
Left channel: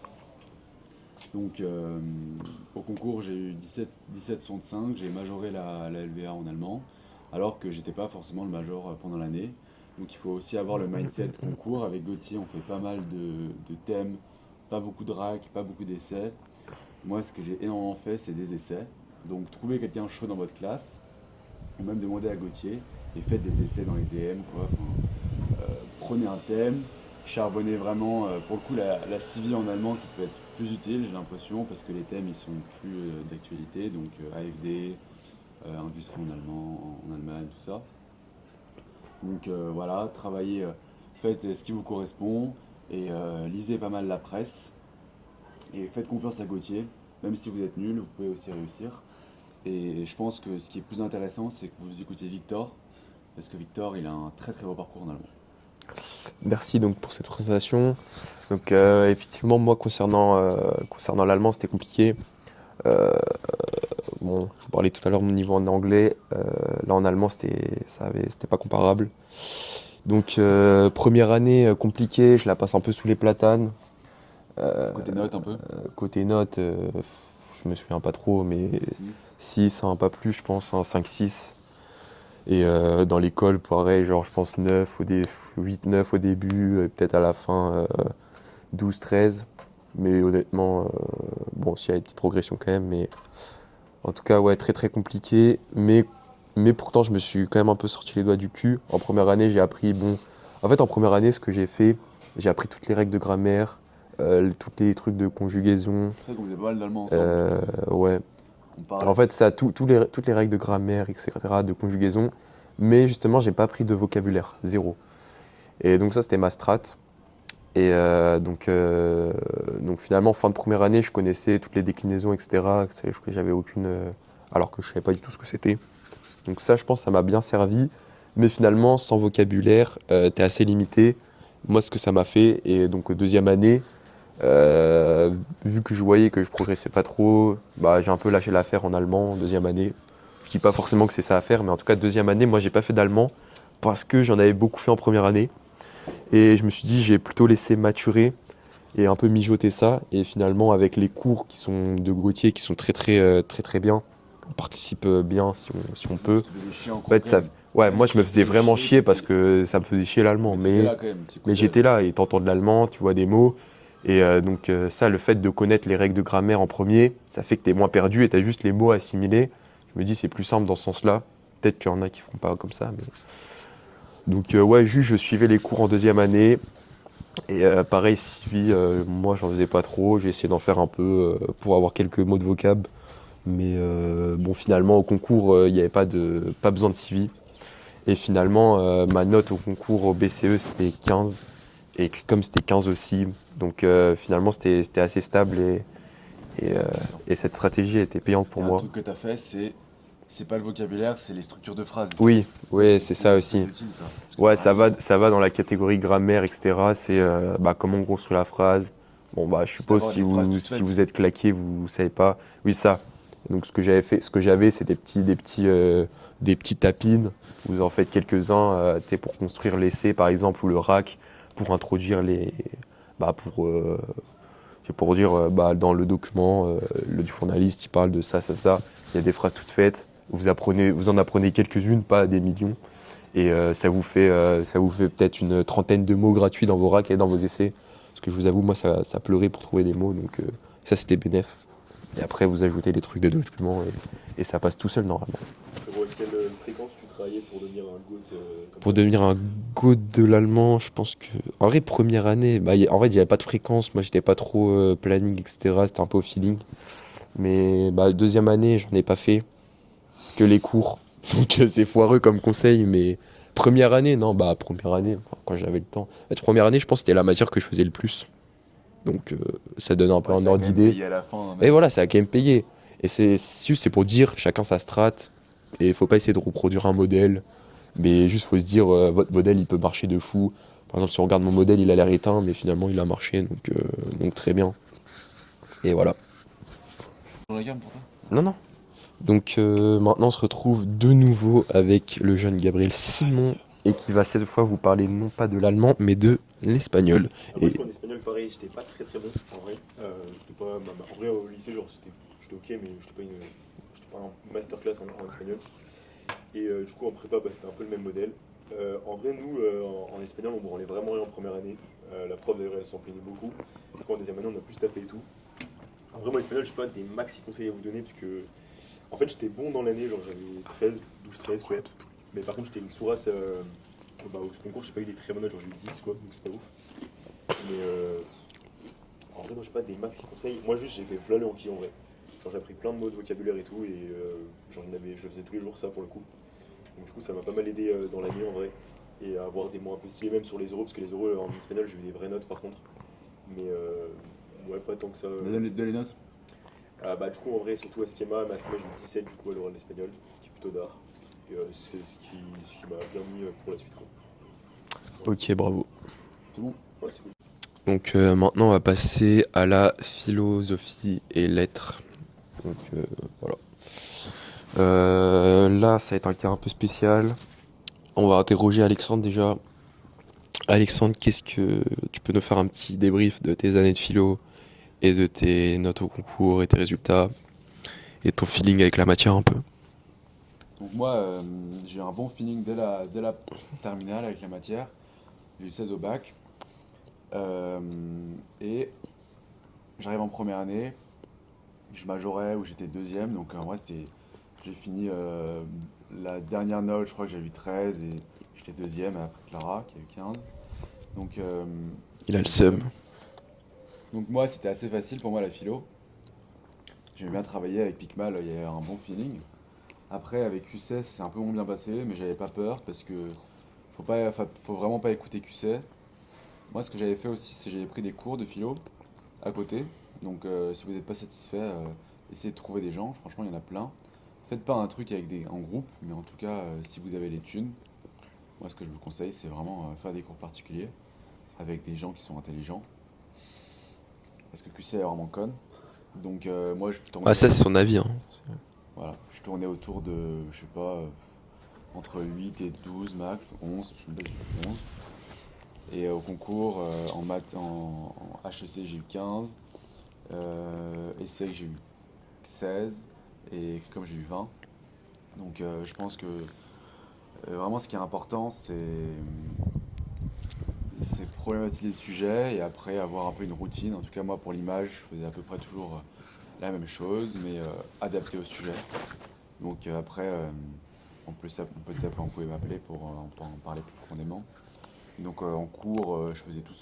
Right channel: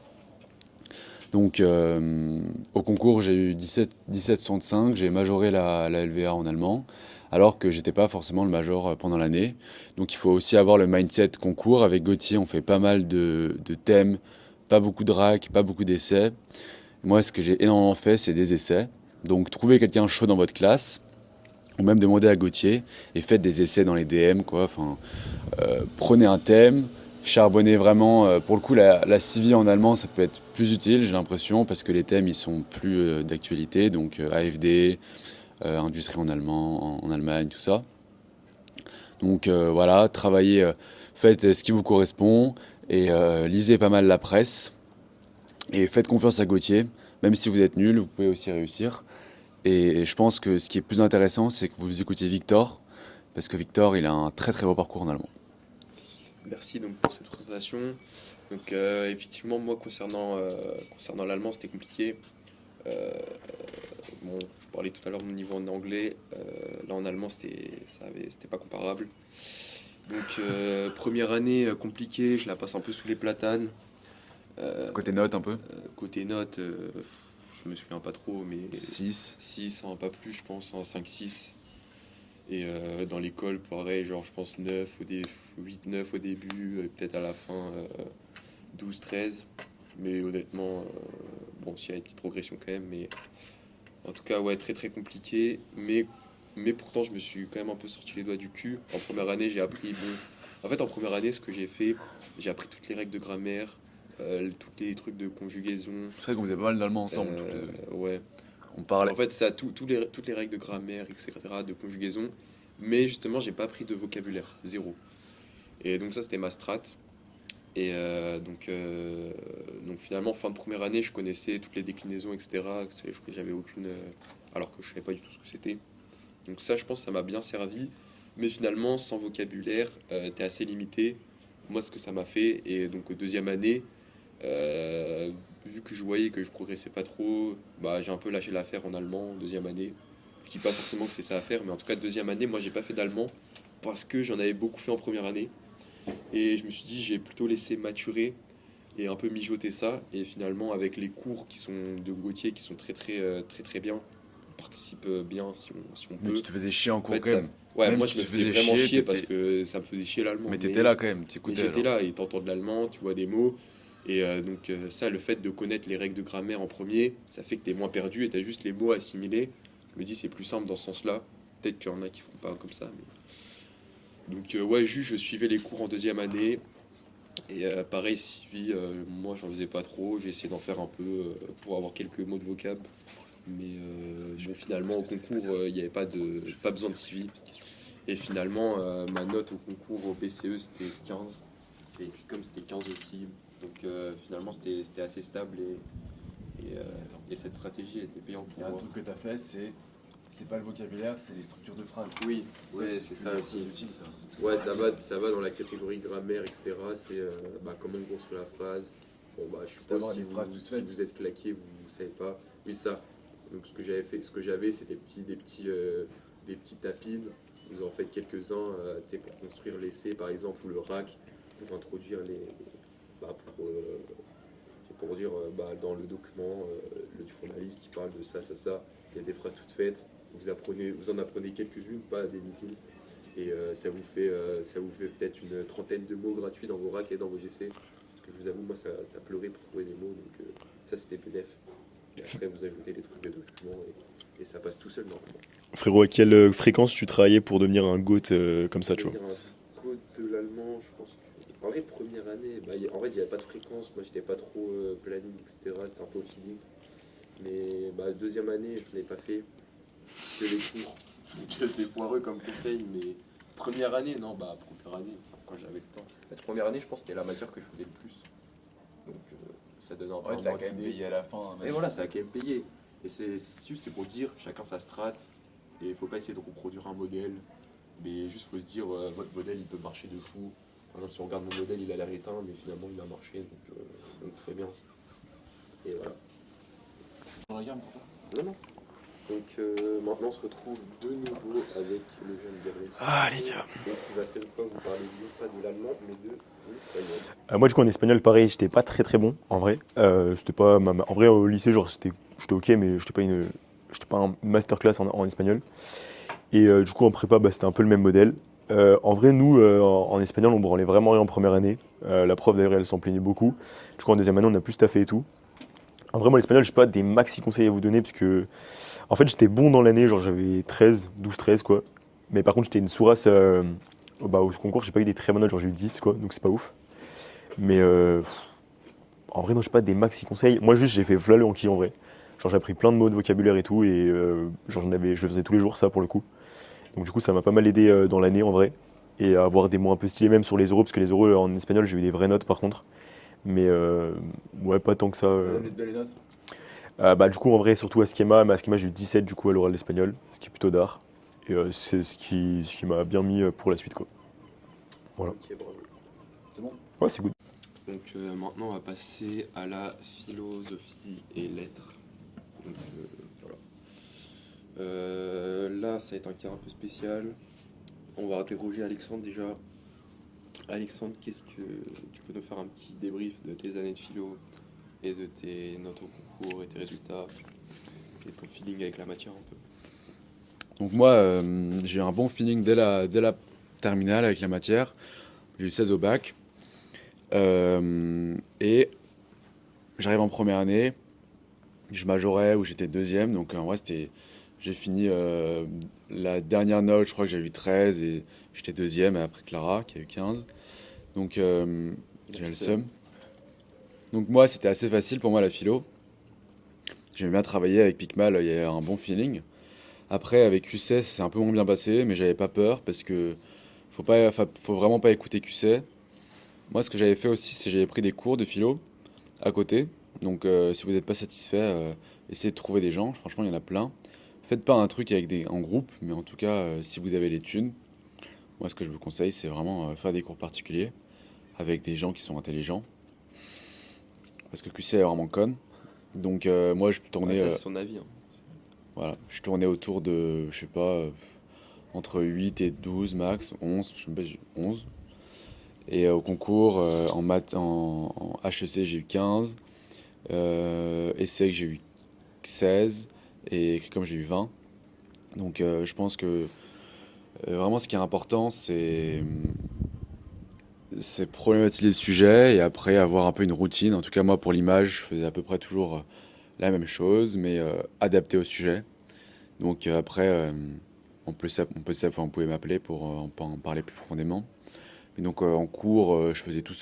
Donc au concours, j'ai eu 17,65, j'ai majoré la LVA en allemand, alors que j'étais pas forcément le major pendant l'année. Donc il faut aussi avoir le mindset concours. Avec Gauthier, on fait pas mal de thèmes, pas beaucoup de rack, pas beaucoup d'essais. Moi, ce que j'ai énormément fait, c'est des essais. Donc trouvez quelqu'un chaud dans votre classe, ou même demandez à Gauthier, et faites des essais dans les DM, quoi. Enfin, prenez un thème, charbonnez vraiment. Pour le coup, la CV en allemand, ça peut être plus utile, j'ai l'impression, parce que les thèmes, ils sont plus d'actualité. Donc AFD, industrie en allemand, en Allemagne, tout ça. Donc voilà, travaillez, faites ce qui vous correspond, et lisez pas mal la presse. Et faites confiance à Gauthier. Même si vous êtes nul, vous pouvez aussi réussir. Et je pense que ce qui est plus intéressant, c'est que vous écoutiez Victor, parce que Victor, il a un très très beau parcours en allemand. Merci donc pour cette présentation. Donc effectivement, moi concernant l'allemand, c'était compliqué. Euh, bon, je vous parlais tout à l'heure de mon niveau en anglais. Là en allemand, c'était pas comparable. Donc première année compliquée, je la passe un peu sous les platanes. C'est côté notes un peu. Côté notes, je me souviens pas trop, mais 6. 6, pas plus, je pense, 5-6. Et dans l'école, pareil, genre je pense 8-9 au début, peut-être à la fin 12-13. Mais honnêtement, bon, s'il y a des petites progressions quand même, mais en tout cas, ouais, très très compliqué. Mais pourtant, je me suis quand même un peu sorti les doigts du cul. En première année, j'ai appris, bon, en fait, en première année, ce que j'ai fait, j'ai appris toutes les règles de grammaire, tous les trucs de conjugaison. C'est vrai qu'on faisait pas mal d'allemand ensemble. Ouais, On parlait. en fait, ça, toutes les règles de grammaire, etc., de conjugaison. Mais justement, j'ai pas appris de vocabulaire, zéro. Et donc ça, c'était ma strat. Et donc finalement, fin de première année, je connaissais toutes les déclinaisons, etc. Que j'avais aucune, alors que je savais pas du tout ce que c'était. Donc ça, je pense, ça m'a bien servi. Mais finalement, sans vocabulaire, t'es assez limité. Moi, ce que ça m'a fait, et donc deuxième année, vu que je voyais que je progressais pas trop, bah, j'ai un peu lâché l'affaire en allemand, deuxième année. Je dis pas forcément que c'est ça à faire, mais en tout cas, deuxième année, moi, j'ai pas fait d'allemand parce que j'en avais beaucoup fait en première année. Et je me suis dit, j'ai plutôt laissé maturer et un peu mijoter ça. Et finalement, avec les cours qui sont de Gauthier, qui sont très bien, on participe bien si on peut. Tu te faisais chier en En cours fait, quand même. ouais, Même moi, si je me tu faisais faisais vraiment chier parce t'étais- que ça me faisait chier l'allemand. Mais t'étais là quand même. Mais j'étais là et t'entends de l'allemand, tu vois des mots. Et donc ça, le fait de connaître les règles de grammaire en premier, ça fait que t'es moins perdu et t'as juste les mots à assimiler. Je me dis c'est plus simple dans ce sens-là. Peut-être qu'il y en a qui feront pas comme ça. Donc ouais, juste je suivais les cours en deuxième année. Et pareil, Sylvie, moi j'en faisais pas trop. J'ai essayé d'en faire un peu pour avoir quelques mots de vocab. Mais bon, finalement au concours, il n'y avait pas besoin de Sylvie. Et finalement, ma note au concours au BCE c'était 15. Et comme c'était 15 aussi, donc finalement c'était assez stable et, euh, et cette stratégie a été payante pour Un moi. truc que t'as fait, c'est pas le vocabulaire, c'est les structures de phrases. Oui, Ça ouais, aussi, c'est ça aussi. c'est utile ça. Parce que Ouais, par exemple, ça va dans la catégorie grammaire, etc. C'est bah, comment on construit la phrase. Bon, bah, je suppose d'avoir les phrases toutes si faites. vous êtes claqué, vous savez pas. Oui, ça. Donc, ce que j'avais, c'est des petits tapines. Vous en faites quelques-uns pour construire l'essai, par exemple, ou le rack, pour introduire bah, c'est pour dire, bah, dans le document, le journaliste, il parle de ça, ça, ça. Il y a des phrases toutes faites. Vous en apprenez quelques-unes, pas des millions. Et ça vous fait peut-être une trentaine de mots gratuits dans vos racks et dans vos essais. Parce que je vous avoue, moi, ça pleurait pour trouver des mots. Donc ça, c'était bénef. Et après, vous ajoutez les trucs des documents et ça passe tout seul normalement. Frérot, à quelle fréquence tu travaillais pour devenir un GOAT comme Pour ça, devenir un go de l'allemand, je pense que. En vrai, première année, bah, en fait, il n'y avait pas de fréquence. Moi, j'étais pas trop planning, etc. C'était un peu au feeling. Mais bah, deuxième année, j'en ai pas fait que les cours. Donc c'est foireux comme conseil, mais Première année, non, bah première année, quand j'avais le temps. En fait, première année, je pense que c'était la matière que je faisais le plus. Donc ça donne un peu un ordre d'idée. à la fin. Et voilà, ça a quand même payé. Et c'est pour dire, chacun sa strat. Et il faut pas essayer de reproduire un modèle. Mais juste, faut se dire, votre modèle, il peut marcher de fou. Par exemple, si on regarde mon modèle, il a l'air éteint, mais finalement, il a marché. Donc très bien. Et voilà. Non, non. Donc maintenant, on se retrouve de nouveau avec le jeune Gabriel Simon. Et qui va cette fois vous parler non pas de l'allemand, mais de l'espagnol. Moi, du coup, en espagnol, pareil, j'étais pas très très bon en vrai. C'était pas en vrai, au lycée, genre, j'étais ok, mais j'étais pas un masterclass en espagnol. Et du coup, en prépa, bah, c'était un peu le même modèle. En vrai, nous, en espagnol, on branlait vraiment rien en première année. La prof, d'ailleurs, elle s'en plaignait beaucoup. Du coup, en deuxième année, on a plus taffé et tout. En vrai, moi, l'espagnol, je sais pas des maxi conseils à vous donner, parce que, en fait, j'étais bon dans l'année, genre, j'avais 12, 13, quoi. Mais par contre, j'étais une sourasse au concours, j'ai pas eu des très bonnes notes, genre, j'ai eu 10, quoi, donc c'est pas ouf. Mais en vrai, non, je sais pas des maxi conseils. Moi, juste, j'ai fait v'là le Anki en vrai. Genre, j'ai appris plein de mots de vocabulaire et tout, et genre, je le faisais tous les jours, ça, pour le coup. Donc, du coup, ça m'a pas mal aidé dans l'année, en vrai. Et à avoir des mots un peu stylés, même sur les euros, parce que les euros, en espagnol, j'ai eu des vraies notes, par contre. Mais ouais, pas tant que ça. Les notes. Bah, du coup, en vrai, surtout à Schema, mais à Schema, j'ai eu 17 du coup à l'oral d'espagnol, ce qui est plutôt d'art. Et c'est ce qui m'a bien mis pour la suite, quoi. Voilà. Ok, bravo. C'est bon. Ouais, c'est good. Donc maintenant, on va passer à la philosophie et lettres. Donc voilà. Là, ça va être un cas un peu spécial. On va interroger Alexandre déjà. Alexandre, qu'est-ce que tu peux nous faire un petit débrief de tes années de philo et de tes notes au concours et tes résultats et ton feeling avec la matière un peu? Donc moi, j'ai eu un bon feeling dès la terminale avec la matière. J'ai eu 16 au bac. Et j'arrive en première année. Je majorais où j'étais deuxième. Donc en vrai, j'ai fini la dernière note, je crois que j'ai eu 13 et j'étais deuxième après Clara qui a eu 15. Donc Il a le le seum. Donc moi, c'était assez facile pour moi la philo. J'aimais bien travailler avec Picmal, il y avait un bon feeling. Après, avec QC, c'est un peu moins bien passé, mais j'avais pas peur parce que faut vraiment pas écouter QC. Moi, ce que j'avais fait aussi, c'est que j'avais pris des cours de philo à côté. Donc, si vous n'êtes pas satisfait, essayez de trouver des gens. Franchement, il y en a plein. Faites pas un truc en groupe, mais en tout cas, si vous avez les thunes, moi, ce que je vous conseille, c'est vraiment faire des cours particuliers avec des gens qui sont intelligents. Parce que QC est vraiment conne. Donc, moi, je tournais, Ah, ça, c'est son avis, hein. voilà, je tournais autour de, je sais pas, entre 8 et 12 max, 11, je sais pas, j'ai eu 11. Et au concours, en maths, en HEC, j'ai eu 15. ESSEC, j'ai eu 16. Et écrit comme j'ai eu 20. Donc je pense que vraiment ce qui est important, c'est problématiser le sujet et après avoir un peu une routine. En tout cas, moi, pour l'image, je faisais à peu près toujours la même chose, mais adapté au sujet. Donc après, vous pouvez m'appeler pour en parler plus profondément. Et donc en cours, je faisais tout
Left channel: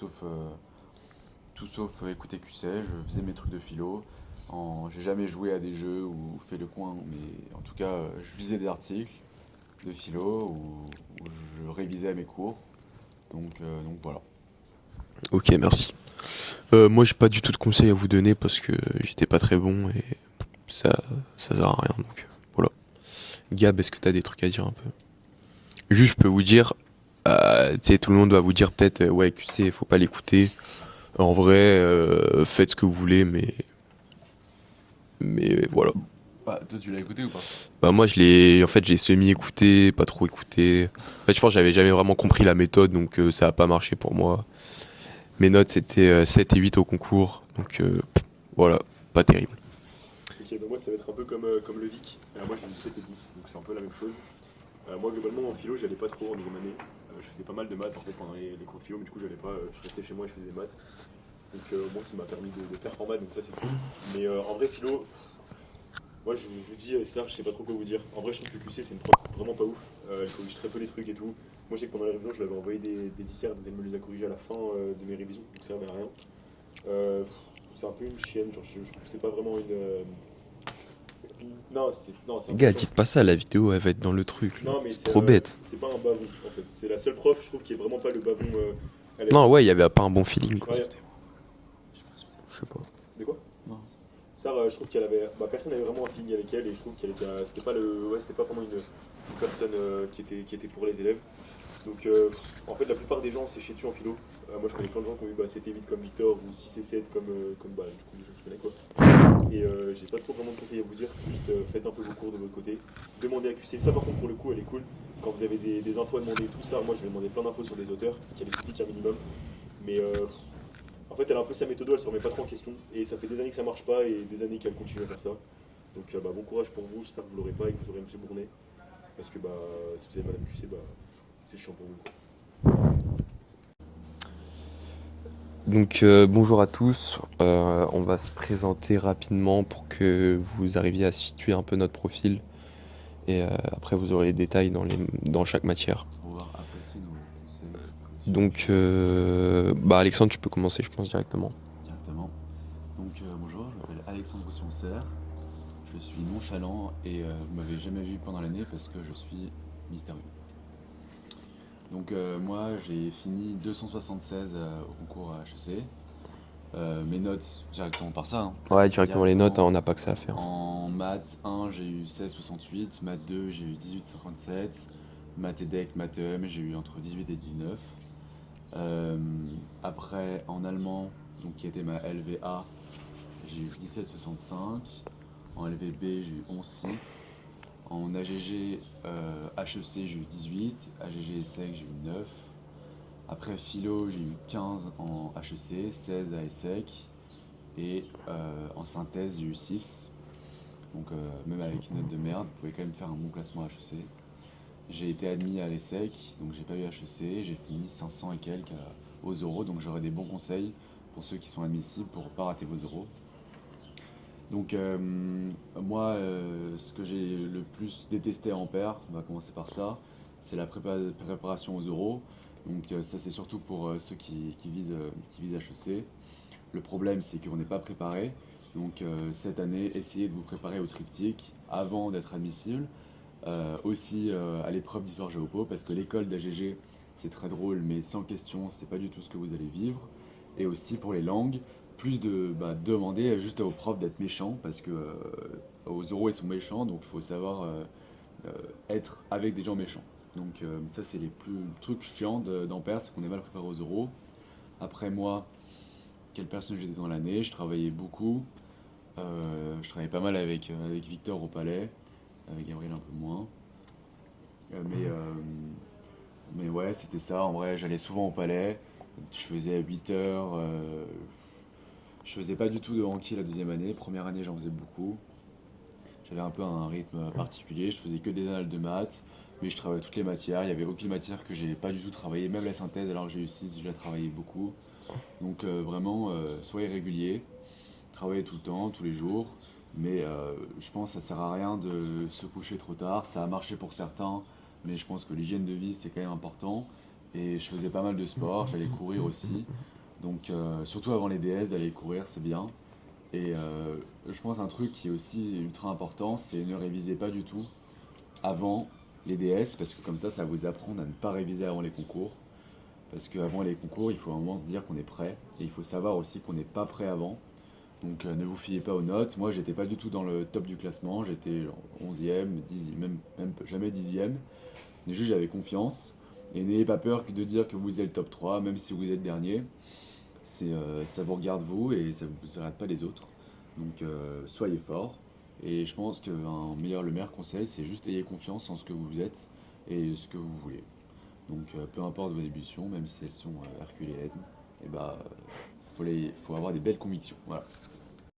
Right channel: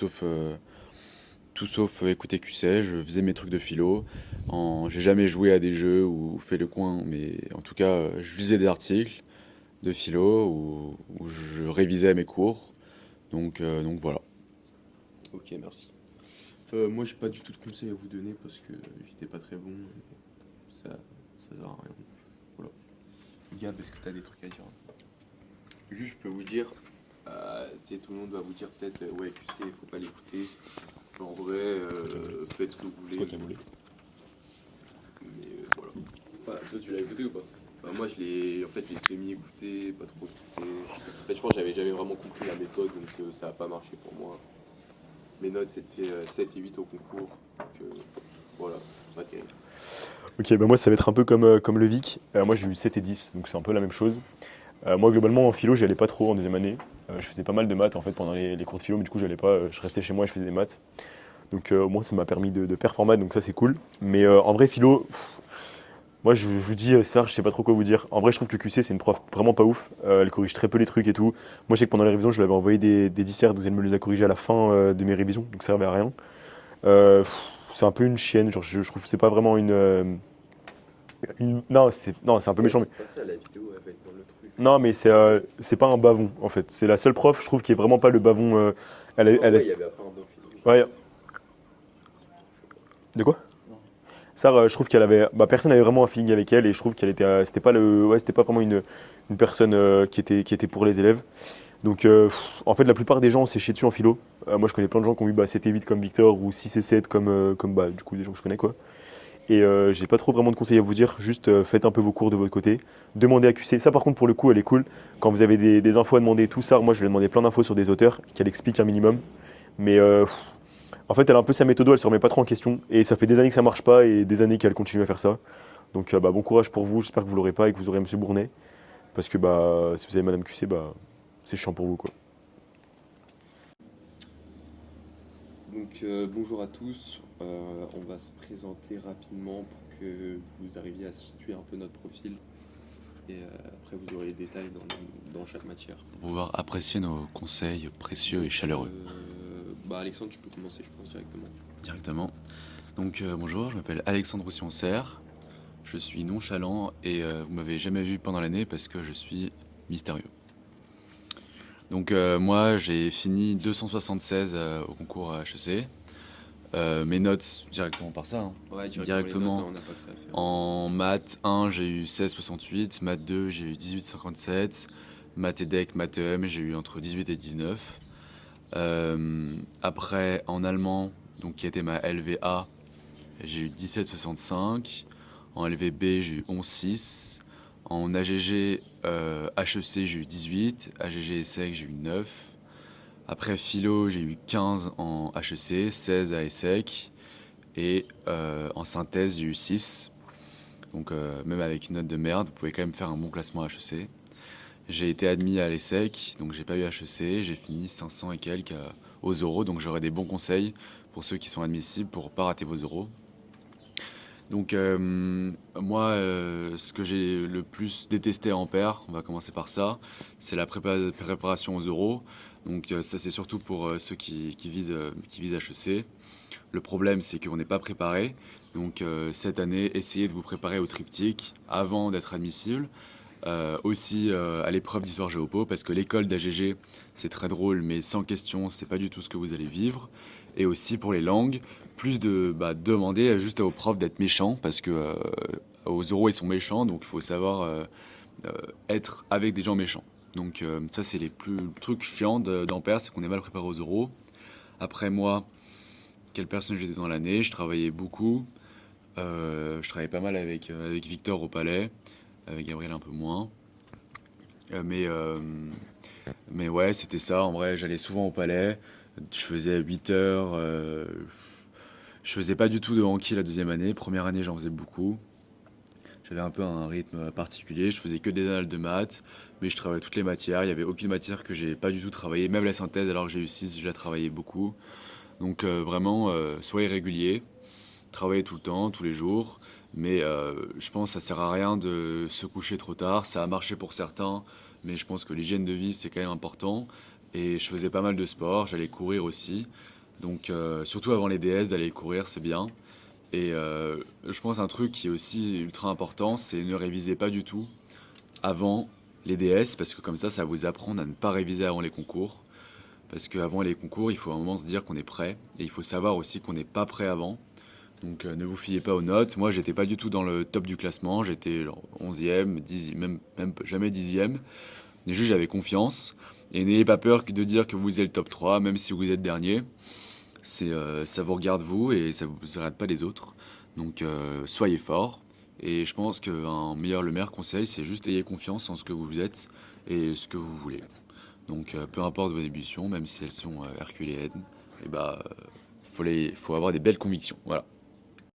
sauf écouter QC, je faisais mes trucs de philo. J'ai jamais joué à des jeux ou fait le coin, mais en tout cas, je lisais des articles de philo où je révisais mes cours. Donc voilà. Ok, merci. Moi, j'ai pas du tout de conseils à vous donner parce que j'étais pas très bon et ça sert à rien. Donc voilà. Gab, est-ce que t'as des trucs à dire un peu? Juste, je peux vous dire, tu sais, tout le monde va vous dire peut-être, ouais, QC, faut pas l'écouter. En vrai, faites ce que vous voulez, mais voilà. Bah, toi, tu l'as écouté ou pas? Bah moi, en fait, j'ai semi-écouté, pas trop écouté. En fait, je pense que j'avais jamais vraiment compris la méthode, donc ça a pas marché pour moi. Mes notes, c'était 7 et 8 au concours, donc voilà, pas terrible. Ok, bah moi, ça va être un peu comme le Vic. Moi, j'ai eu 7 et 10, donc c'est un peu la même chose. Moi, globalement, en philo, j'y allais pas trop en deuxième année. Je faisais pas mal de maths en fait pendant les cours de philo, mais du coup, j'allais pas. Je restais chez moi et je faisais des maths. Donc, au moins, ça m'a permis de performer, donc ça, c'est cool. Mais en vrai, philo, moi, je vous dis, Serge, je sais pas trop quoi vous dire. En vrai, je trouve que QC, c'est une prof vraiment pas ouf. Elle corrige très peu les trucs et tout. Moi, je sais que pendant les révisions, je lui avais envoyé des disserts, donc elle me les a corrigés à la fin de mes révisions, donc ça servait à rien. C'est un peu une chienne, genre, je trouve que c'est pas vraiment Non, c'est un peu Gars, méchant. dites pas ça, la vidéo, elle va être dans le truc. Non, mais Trop bête. c'est pas un bavon, en fait. C'est la seule prof, je trouve, qui est vraiment pas le bavon. Non, ouais, il y avait pas un bon feeling, quoi. Ouais, Je sais pas. de quoi? Sarah, je trouve qu'elle avait. Bah, personne n'avait vraiment un feeling avec elle et je trouve qu'elle était. C'était pas c'était pas vraiment une personne qui était pour les élèves. Donc, en fait, la plupart des gens s'est chié dessus en philo. Moi, je connais plein de gens qui ont eu 7 et 8 comme Victor ou 6 et 7 comme bah, du coup, des gens que je connais, quoi. Et j'ai pas trop vraiment de conseils à vous dire. Juste faites un peu vos cours de votre côté. Demandez à QC. Ça, par contre, pour le coup, elle est cool. Quand vous avez des infos à demander et tout ça, moi, je lui ai demandé plein d'infos sur des auteurs qu'elle explique un minimum. Mais en fait, elle a un peu sa méthode, elle se remet pas trop en question. Et ça fait des années que ça marche pas et des années qu'elle continue à faire ça. Donc, bah, bon courage pour vous. J'espère que vous l'aurez pas et que vous aurez Monsieur Bournet. Parce que bah, si vous avez Madame QC, bah, c'est chiant pour vous, quoi. Donc bonjour à tous, on va se présenter rapidement pour que vous arriviez à situer un peu notre profil et après vous aurez les détails dans chaque matière. Pour pouvoir apprécier nos conseils précieux et Donc chaleureux bah Alexandre, tu peux commencer je pense directement. directement. Donc bonjour, je m'appelle Alexandre Roussillon-Serre. Je suis nonchalant et vous m'avez jamais vu pendant l'année parce que je suis mystérieux. Donc moi j'ai fini 276 au concours HEC. Mes notes directement par ça, hein. Ouais directement les notes, hein, Directement. on n'a pas que ça à faire. En maths 1 j'ai eu 16,68, maths 2 j'ai eu 18,57, maths EDEC, maths EM j'ai eu entre 18 et 19. Après en allemand, donc qui était ma LVA, j'ai eu 17,65. En LVB j'ai eu 11,6. En AGG HEC j'ai eu 18. AGG ESSEC j'ai eu 9. Après philo j'ai eu 15 en HEC, 16 à ESSEC. Et en synthèse j'ai eu 6. Donc même avec une note de merde, vous pouvez quand même faire un bon classement à HEC. J'ai été admis à l'ESSEC, donc j'ai pas eu HEC, j'ai fini 500 et quelques aux euros, donc j'aurai des bons conseils pour ceux qui sont admissibles pour pas rater vos euros. Donc moi, ce que j'ai le plus détesté à Ampère, on va commencer par ça, c'est la préparation aux euros. Donc ça c'est surtout pour ceux qui visent HEC. Le problème c'est qu'on n'est pas préparé. Donc cette année, essayez de vous préparer au triptyque avant d'être admissible. Aussi à l'épreuve d'histoire géopo, parce que l'école d'AGG c'est très drôle, mais sans question, c'est pas du tout ce que vous allez vivre. Et aussi pour les langues, plus de demander juste aux profs d'être méchants, parce que aux euros ils sont méchants, donc il faut savoir être avec des gens méchants. Donc ça c'est les plus trucs chiants d'Ampère, c'est qu'on est mal préparé aux euros. Après moi, quelle personne j'étais dans l'année, je travaillais beaucoup. Je travaillais pas mal avec Victor au palais, avec Gabriel un peu moins. Mais ouais, c'était ça. En vrai, j'allais souvent au palais. Je faisais 8 heures. Je faisais pas du tout de hanki la deuxième année. Première année, j'en faisais beaucoup. J'avais un peu un rythme particulier. Je faisais que des annales de maths, mais je travaillais toutes les matières. Il n'y avait aucune matière que j'ai pas du tout travaillé. Même la synthèse, alors que j'ai eu 6, je la travaillais beaucoup. Donc vraiment, soyez réguliers. Travaillez tout le temps, tous les jours. Mais je pense que ça sert à rien de se coucher trop tard. Ça a marché pour certains, mais je pense que l'hygiène de vie c'est quand même important. Et je faisais pas mal de sport, j'allais courir aussi. Donc surtout avant les DS, d'aller courir c'est bien. Et je pense un truc qui est aussi ultra important, c'est ne réviser pas du tout avant les DS, parce que comme ça vous apprend à ne pas réviser avant les concours. Parce qu'avant les concours, il faut vraiment se dire qu'on est prêt. Et il faut savoir aussi qu'on n'est pas prêt avant. Donc ne vous fiez pas aux notes. Moi, j'étais pas du tout dans le top du classement. J'étais genre 11e, 10e, même jamais 10e. Mais juste, j'avais confiance. Et n'ayez pas peur de dire que vous êtes le top 3, même si vous êtes dernier. Ça vous regarde vous et ça vous arrête pas les autres. Donc soyez fort. Et je pense que le meilleur conseil, c'est juste ayez confiance en ce que vous êtes et ce que vous voulez. Donc peu importe vos ambitions, même si elles sont herculéennes, et faut avoir des belles convictions. Voilà.